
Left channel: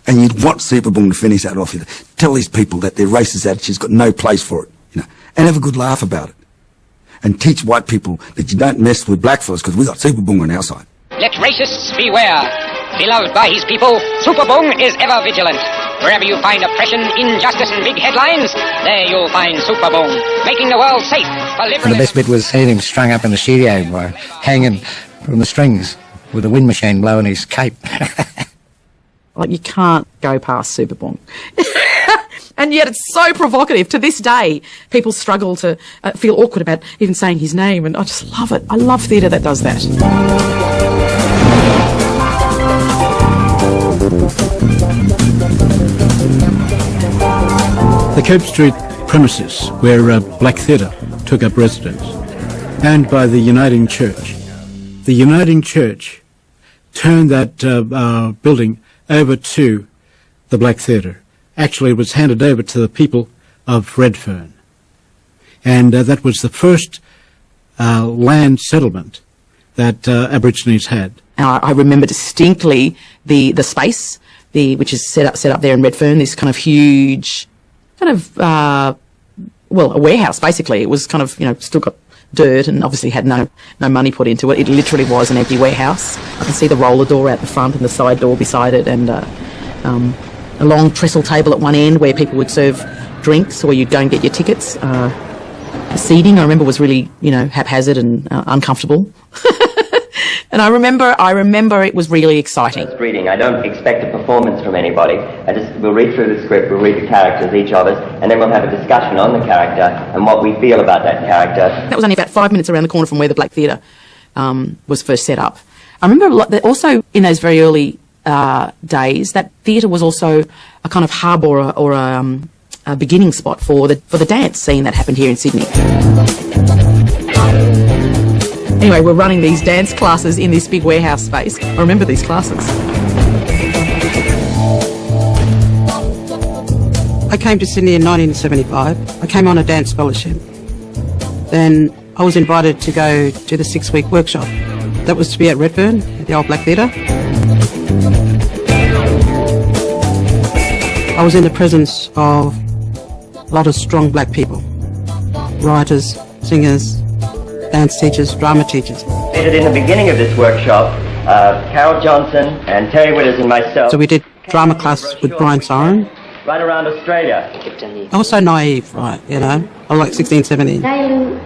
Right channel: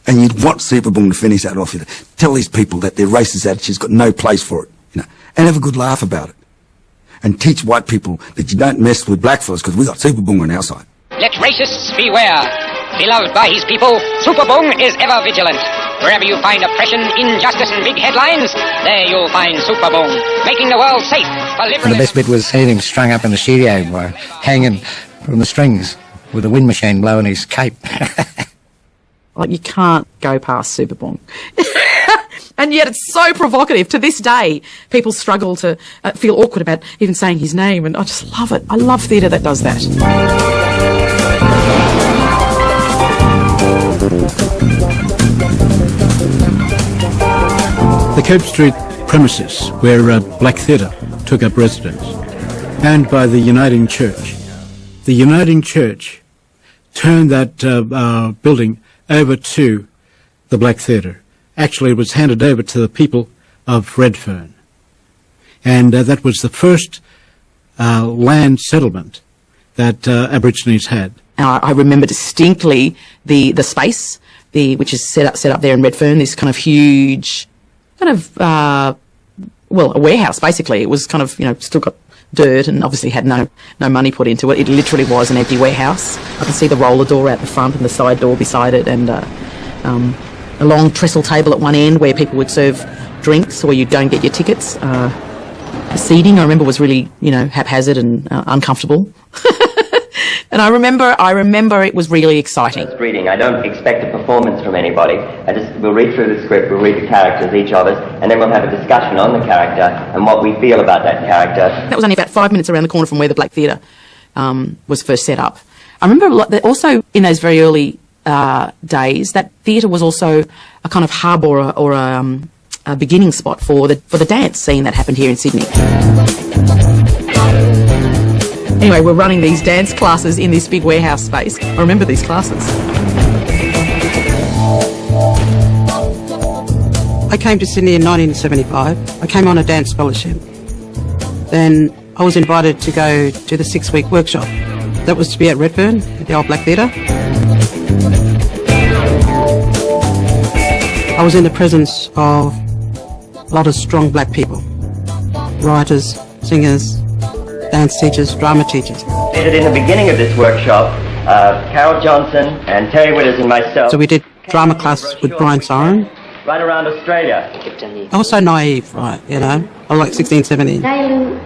And you'd want Superbong to finish that off. You know, tell these people that their racist attitude's got no place for it, you know, and have a good laugh about it. And teach white people that you don't mess with blackfellas because we got Superbong on our side. Let racists beware. Beloved by his people, Superbung is ever vigilant. Wherever you find oppression, injustice, and big headlines, there you'll find Superbung, making the world safe for And the liberalists. best bit was seeing him strung up in the studio, hanging from the strings with a wind machine blowing his cape. Like, you can't go past Superbong. And yet it's so provocative. To this day, people struggle to feel awkward about even saying his name, and I just love it. I love theatre that does that. The Cape Street premises where Black Theatre took up residence, owned by the Uniting Church. The Uniting Church turned that building over to the Black Theatre. Actually, it was handed over to the people of Redfern. And that was the first land settlement that Aborigines had. Now, I remember distinctly the space, which is set up there in Redfern, this kind of huge, kind of, a warehouse, basically. It was kind of, still got dirt and obviously had no money put into it. It literally was an empty warehouse. I can see the roller door at the front and the side door beside it, and a long trestle table at one end where people would serve drinks or you don't get your tickets. The seating, I remember, was really, haphazard and uncomfortable. And I remember it was really exciting. Reading, I don't expect a performance from anybody. We'll read through the script, we'll read the characters, each of us, and then we'll have a discussion on the character and what we feel about that character. That was only about 5 minutes around the corner from where the Black Theatre was first set up. I remember that also in those very early days, that theatre was also a kind of hub or a beginning spot for the dance scene that happened here in Sydney. Anyway, we're running these dance classes in this big warehouse space. I remember these classes. I came to Sydney in 1975. I came on a dance scholarship. Then I was invited to go to the 6-week workshop. That was to be at Redfern, at the old Black Theatre. I was in the presence of a lot of strong black people. Writers, singers, dance teachers, drama teachers. In the beginning of this workshop, Carol Johnson and Terry Witters and myself... So we did drama classes with Brian Siren. Right around Australia. I was so naive, right, I was like 16, 17. And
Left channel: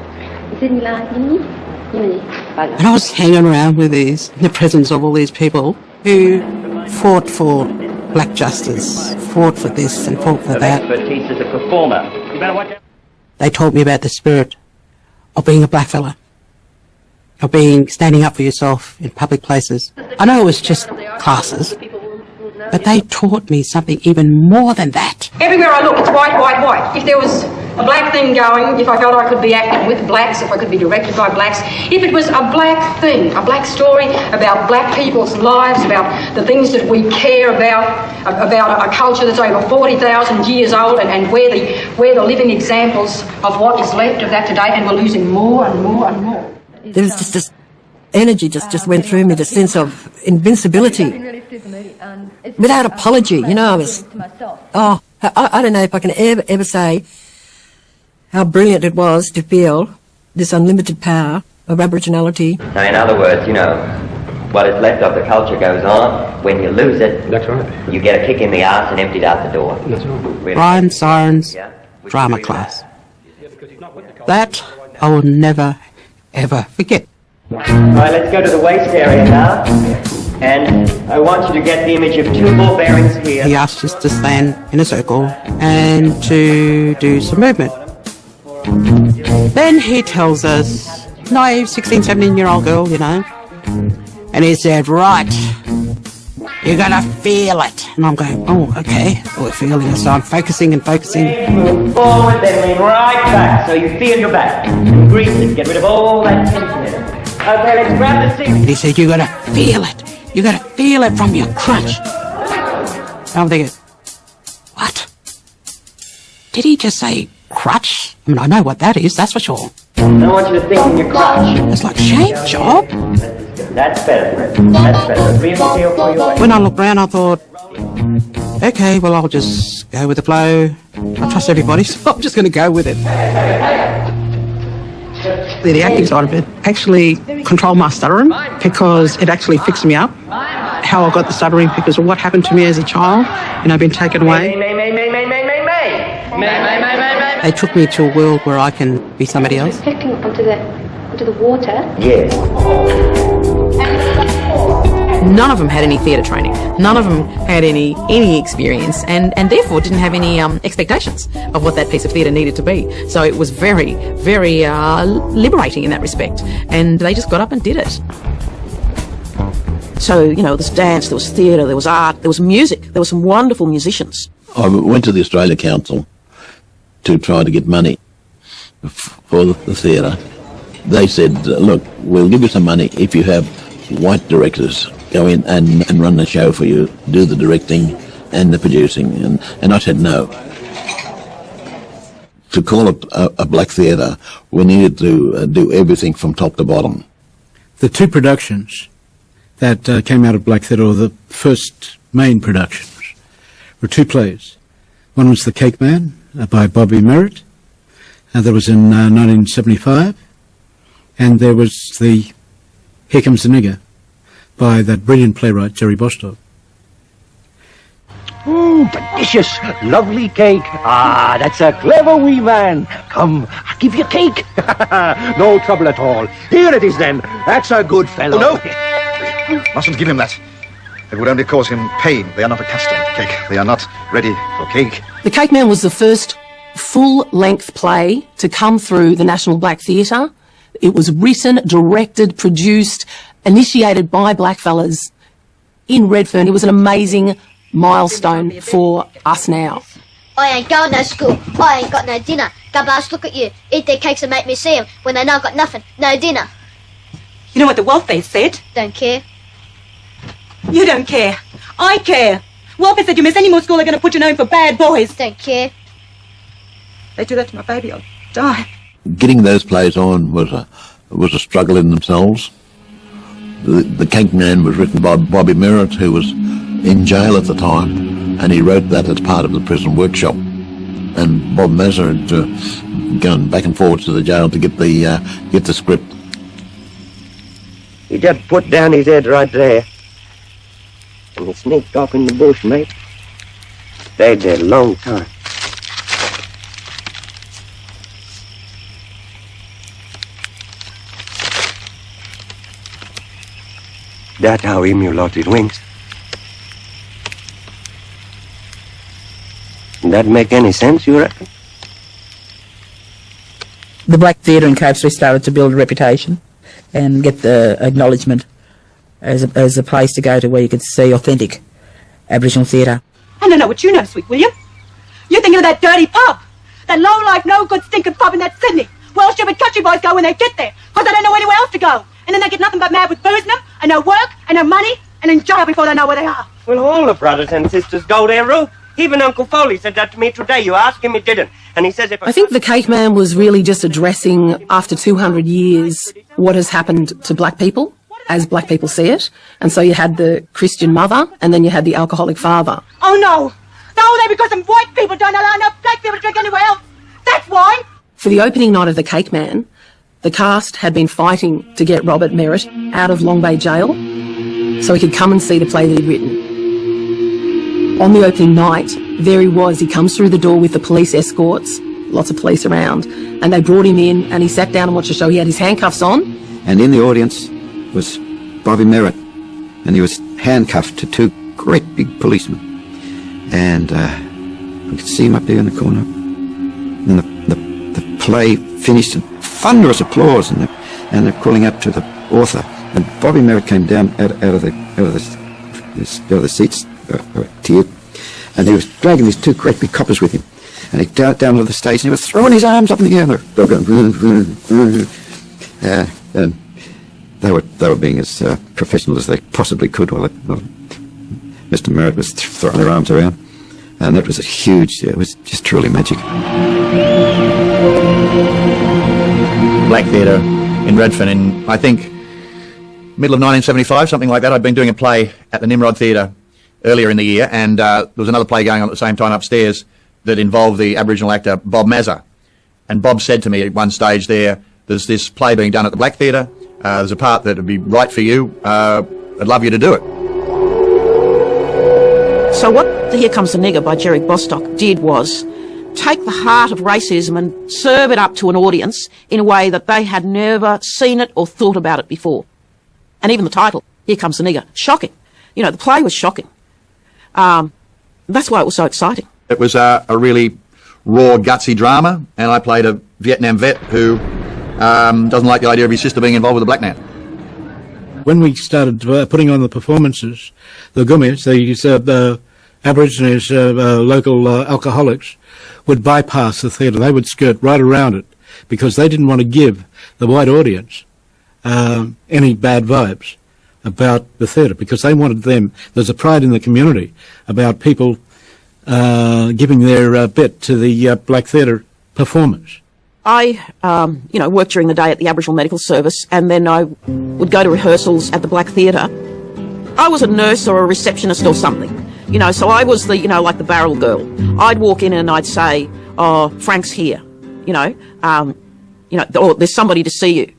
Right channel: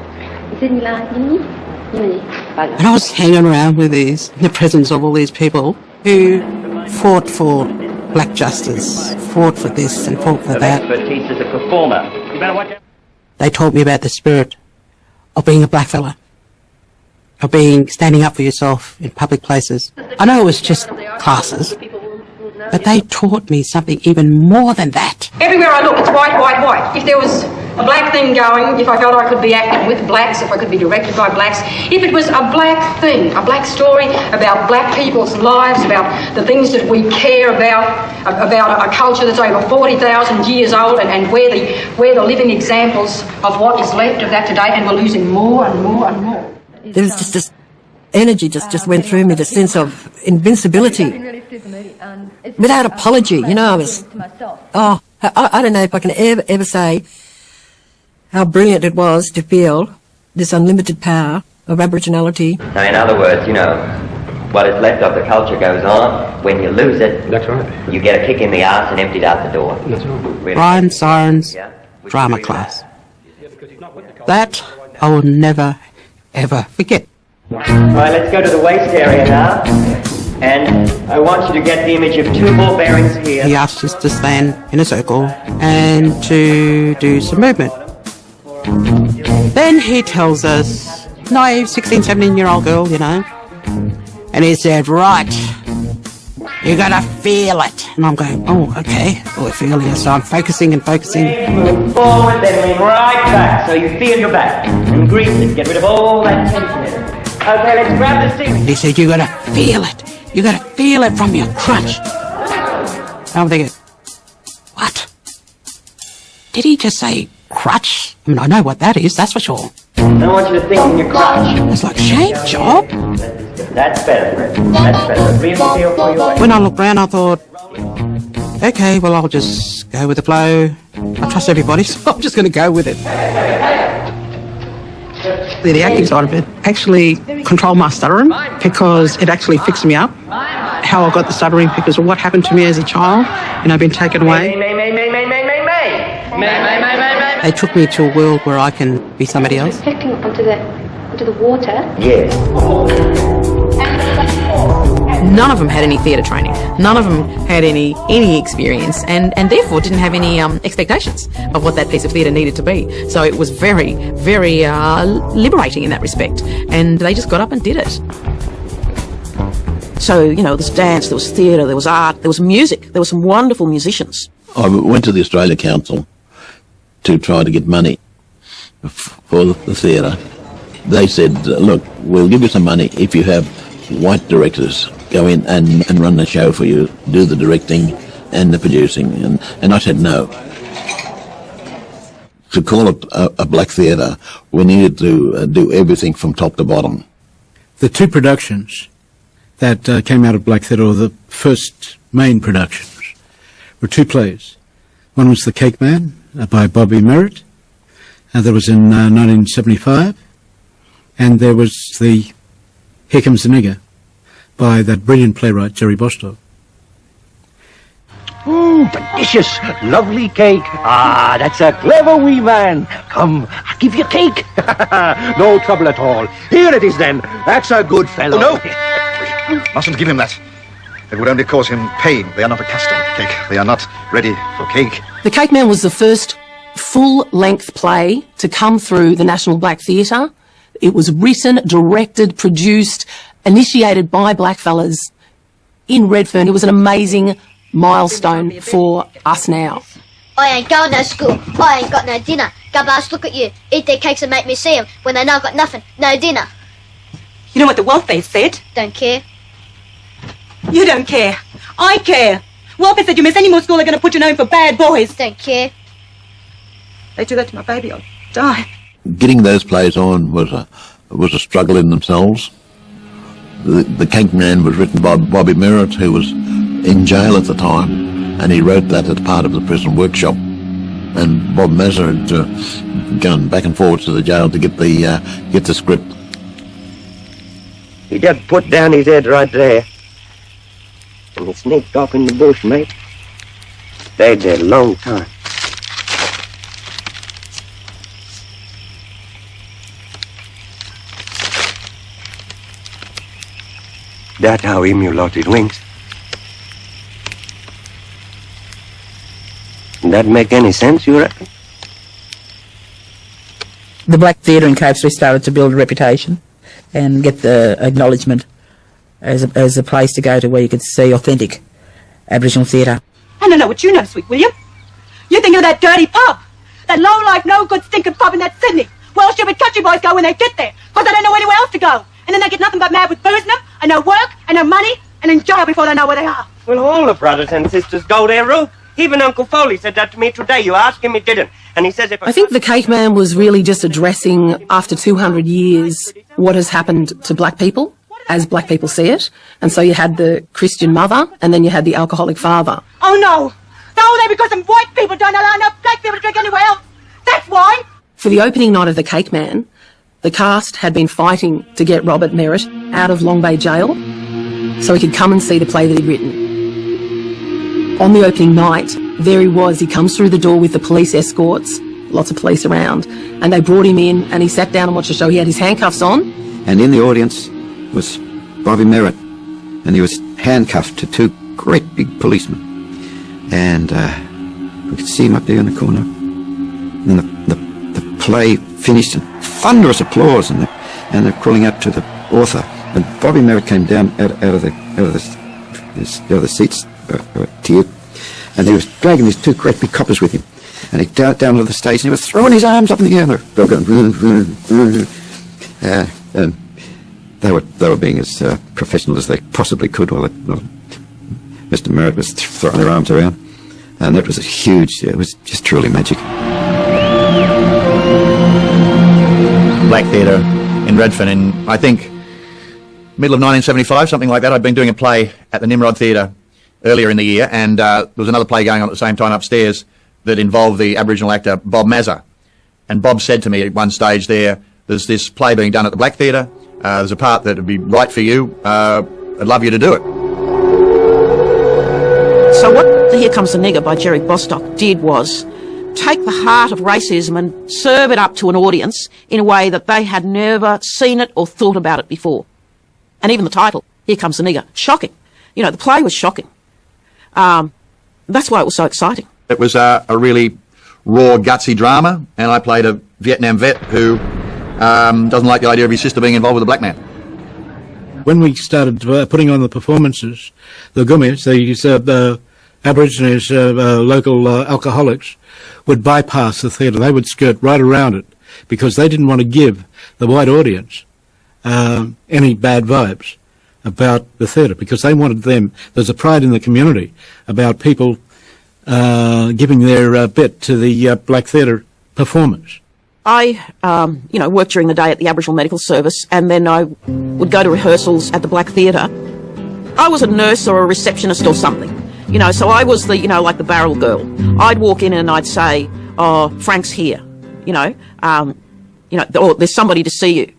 I was hanging around with in the presence of all these people who fought for black justice, fought for this and fought for that. Expertise as a performer. You better watch out. They taught me about the spirit of being a black fella, of standing up for yourself in public places. I know it was just classes, but they taught me something even more than that. Everywhere I look, it's white, white, white. If there was a black thing going, if I felt I could be acting with blacks, if I could be directed by blacks, if it was a black thing, a black story about black people's lives, about the things that we care about a culture that's over 40,000 years old, and we're the living examples of what is left of that today, and we're losing more and more and more. There was just this energy just went through me, the sense of invincibility. Without apology, I was, I don't know if I can ever say how brilliant it was to feel this unlimited power of Aboriginality. Now, in other words, what is left of the culture goes on. When you lose it, that's right. You get a kick in the arse and emptied out the door. That's right. Really. Brian Siren's drama class. That I will never, ever forget. Right, let's go to the waist area now. And I want you to get the image of two ball bearings here. He asked us to stand in a circle and to do some movement. Then he tells us, naive 16, 17-year-old girl, and he said, right, you're gonna feel it. And I'm going, oh, okay, we're feeling it. So I'm focusing and focusing. Move forward, then lean right back, so you feel your back. You grease it, get rid of all that. Okay, let's grab the seat. And he said, you're gonna feel it. You're gonna feel it from your crotch. I'm thinking, what? Did he just say crotch? I mean, I know what that is, that's for sure. I want you to think in your crotch. It's like, shame, John. That's better. That's better. Real feel for your When I looked round, I thought, okay, well, I'll just go with the flow. I trust everybody, so I'm just going to go with it. The acting side of it actually controlled my stuttering because it actually fixed me up. How I got the stuttering because of what happened to me as a child, being taken away. They took me to a world where I can be somebody else. Reflecting onto the water. Yes. None of them had any theatre training. None of them had any experience, and therefore didn't have any expectations of what that piece of theatre needed to be. So it was very, very liberating in that respect. And they just got up and did it. So, there was dance, there was theatre, there was art, there was music. There were some wonderful musicians. I went to the Australia Council to try to get money from the theatre. They said, look, we'll give you some money if you have white directors go in and run the show for you, do the directing and the producing. And I said no. To call it a black theatre, we needed to do everything from top to bottom. The two productions that came out of Black Theatre, or the first main productions, were two plays. One was The Cake Man by Bobby Merritt, and that was in 1975. And there was the Here Comes the Nigger by that brilliant playwright, Terry Bostow. Oh, delicious, lovely cake. Ah, that's a clever wee man. I'll give you cake. No trouble at all. Here it is then. That's a good fellow. No, mustn't give him that. It would only cause him pain. They are not accustomed to cake. They are not ready for cake. The Cake Man was the first full-length play to come through the National Black Theatre. It was written, directed, produced, initiated by blackfellas in Redfern. It was an amazing milestone for us now. I ain't going to school. I ain't got no dinner. Gubbars look at you. Eat their cakes and make me see 'em when they know I've got nothing. No dinner. You know what the Wolfbane said? Don't care. You don't care. I care. Wolfbane said you miss any more school, they're going to put you home for bad boys. Don't care. They do that to my baby, I'll die. Getting those plays on was a struggle in themselves. The Cake Man was written by Bobby Merritt, who was in jail at the time, and he wrote that as part of the prison workshop. And Bob Mazza had gone back and forth to the jail to get the script. He just put down his head right there. And he sneaked off in the bush, mate. Stayed there a long time. That's how Emu lost his wings. That make any sense, you reckon? The Black Theatre in Cope Street started to build a reputation and get the acknowledgement as a place to go to where you could see authentic Aboriginal theatre. I don't know what you know, sweet, will you? You're thinking of that dirty pub. That low-life, no-good, stinking pub in that Sydney. Well-shoved country boys go when they get there, because they don't know anywhere else to go. And then they get nothing but mad with booze in them, and no work, and no money, and in jail before they know where they are. Well, all the brothers and sisters go there, Ruth. Even Uncle Foley said that to me today. You asked him, he didn't. And he says if I think The Cake Man was really just addressing, after 200 years, what has happened to black people, as black people see it. And so you had the Christian mother, and then you had the alcoholic father. Oh, no. No, they're because some white people don't allow enough black people to drink anywhere else. That's why. For the opening night of The Cake Man, the cast had been fighting to get Robert Merritt out of Long Bay Jail so he could come and see the play that he'd written. On the opening night, there he was. He comes through the door with the police escorts, lots of police around, and they brought him in and he sat down and watched the show. He had his handcuffs on. And in the audience was Bobby Merritt, and he was handcuffed to two great big policemen. And we could see him up there in the corner. And the play finished, and thunderous applause, and they're calling out to the author. And Bobby Merritt came down out of the seats, teared, and he was dragging these two great big coppers with him. And he down to the stage, and he was throwing his arms up in the air. And they were being as professional as they possibly could. While Mr. Merritt was throwing their arms around, and it was a huge. It was just truly magic. Black Theatre in Redfern in, I think, middle of 1975, something like that. I'd been doing a play at the Nimrod Theatre earlier in the year, and there was another play going on at the same time upstairs that involved the Aboriginal actor Bob Mazza. And Bob said to me at one stage there there's this play being done at the Black Theatre. There's a part that would be right for you. I'd love you to do it. So what Here Comes the Nigger by Jerry Bostock did was take the heart of racism and serve it up to an audience in a way that they had never seen it or thought about it before. And even the title, Here Comes the Nigger, shocking. You know, the play was shocking. That's why it was so exciting. It was a really raw, gutsy drama, and I played a Vietnam vet who doesn't like the idea of his sister being involved with a black man. When we started putting on the performances, the gummies, the Aborigines, local alcoholics, would bypass the theatre. They would skirt right around it because they didn't want to give the white audience any bad vibes about the theatre, because they wanted them. There's a pride in the community about people giving their bit to the black theatre performance. I, worked during the day at the Aboriginal Medical Service, and then I would go to rehearsals at the Black Theatre. I was a nurse or a receptionist or something, so I was the, like the barrel girl. I'd walk in and I'd say, "Oh, Frank's here," or "There's somebody to see you,"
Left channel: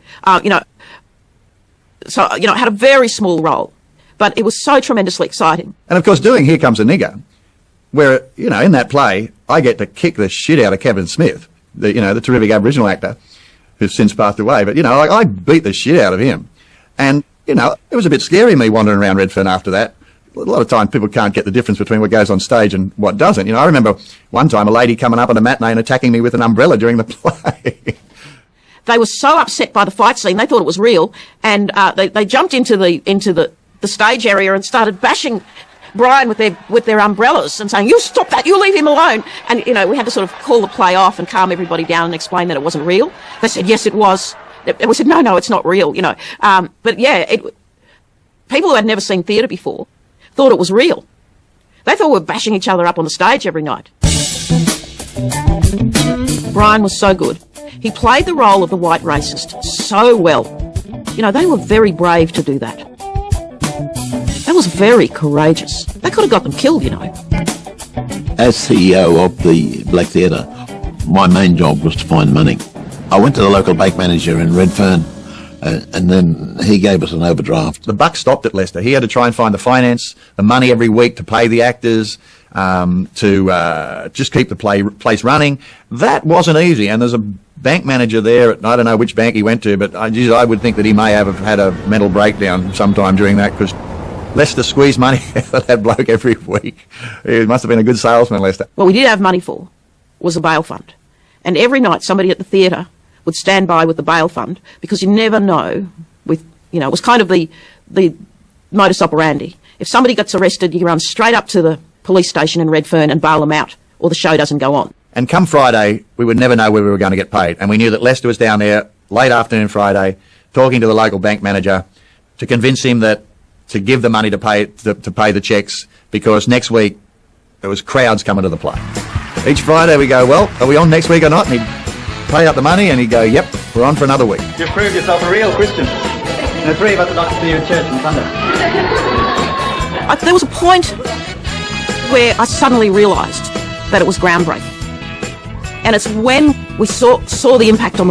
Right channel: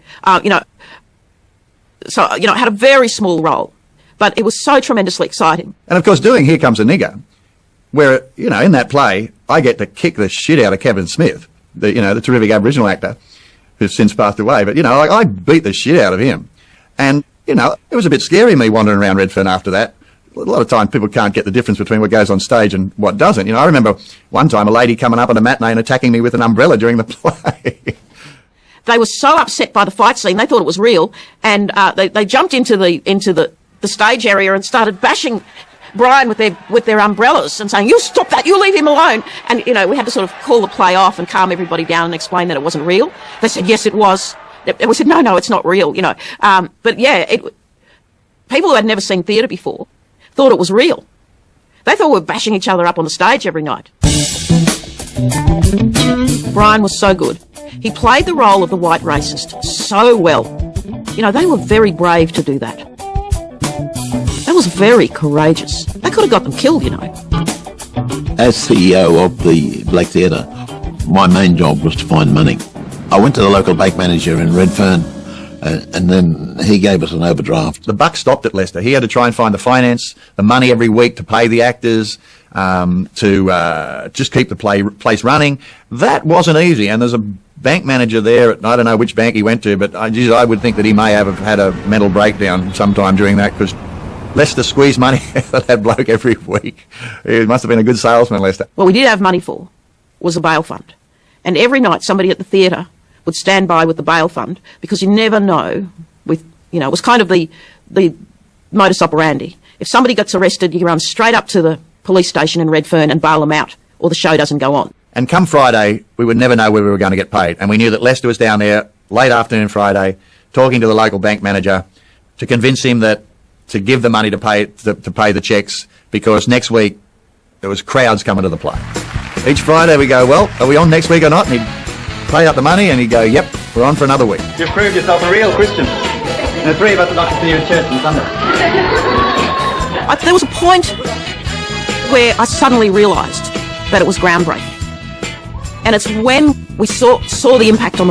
So, I had a very small role, but it was so tremendously exciting. And of course, doing Here Comes a Nigger, where, in that play, I get to kick the shit out of Kevin Smith, the terrific Aboriginal actor who's since passed away. But, I beat the shit out of him. And, it was a bit scary, me wandering around Redfern after that. A lot of times people can't get the difference between what goes on stage and what doesn't. I remember one time a lady coming up on a matinee and attacking me with an umbrella during the play. They were so upset by the fight scene, they thought it was real, and they jumped into the stage area and started bashing Brian with their umbrellas and saying, "You stop that, you leave him alone." And, we had to sort of call the play off and calm everybody down and explain that it wasn't real. They said, "Yes, it was." And we said, no, it's not real, But yeah, people who had never seen theatre before thought it was real. They thought we were bashing each other up on the stage every night. Brian was so good. He played the role of the white racist so well. They were very brave to do that. That was very courageous. I could have got them killed, As CEO of the Black Theatre, my main job was to find money. I went to the local bank manager in Redfern, and then he gave us an overdraft. The buck stopped at Leicester. He had to try and find the finance, the money every week to pay the actors, to just keep the place running. That wasn't easy, and there's a bank manager there, I don't know which bank he went to, but I would think that he may have had a mental breakdown sometime during that, because Leicester squeezed money out of that bloke every week. He must have been a good salesman, Leicester. What we did have money for was the bail fund. And every night somebody at the theatre would stand by with the bail fund, because you never know, it was kind of the modus operandi. If somebody gets arrested, you run straight up to the police station in Redfern and bail them out, or the show doesn't go on. And come Friday, we would never know where we were going to get paid. And we knew that Lester was down there late afternoon Friday, talking to the local bank manager to convince him that to give the money to pay the checks, because next week there was crowds coming to the play. Each Friday we go, "Well, are we on next week or not?" And he'd pay out the money and he'd go, "Yep, we're on for another week." You've proved yourself a real Christian. The three of us have got to see you in church on Sunday. There was a point where I suddenly realised that it was groundbreaking. And it's when we saw the impact on the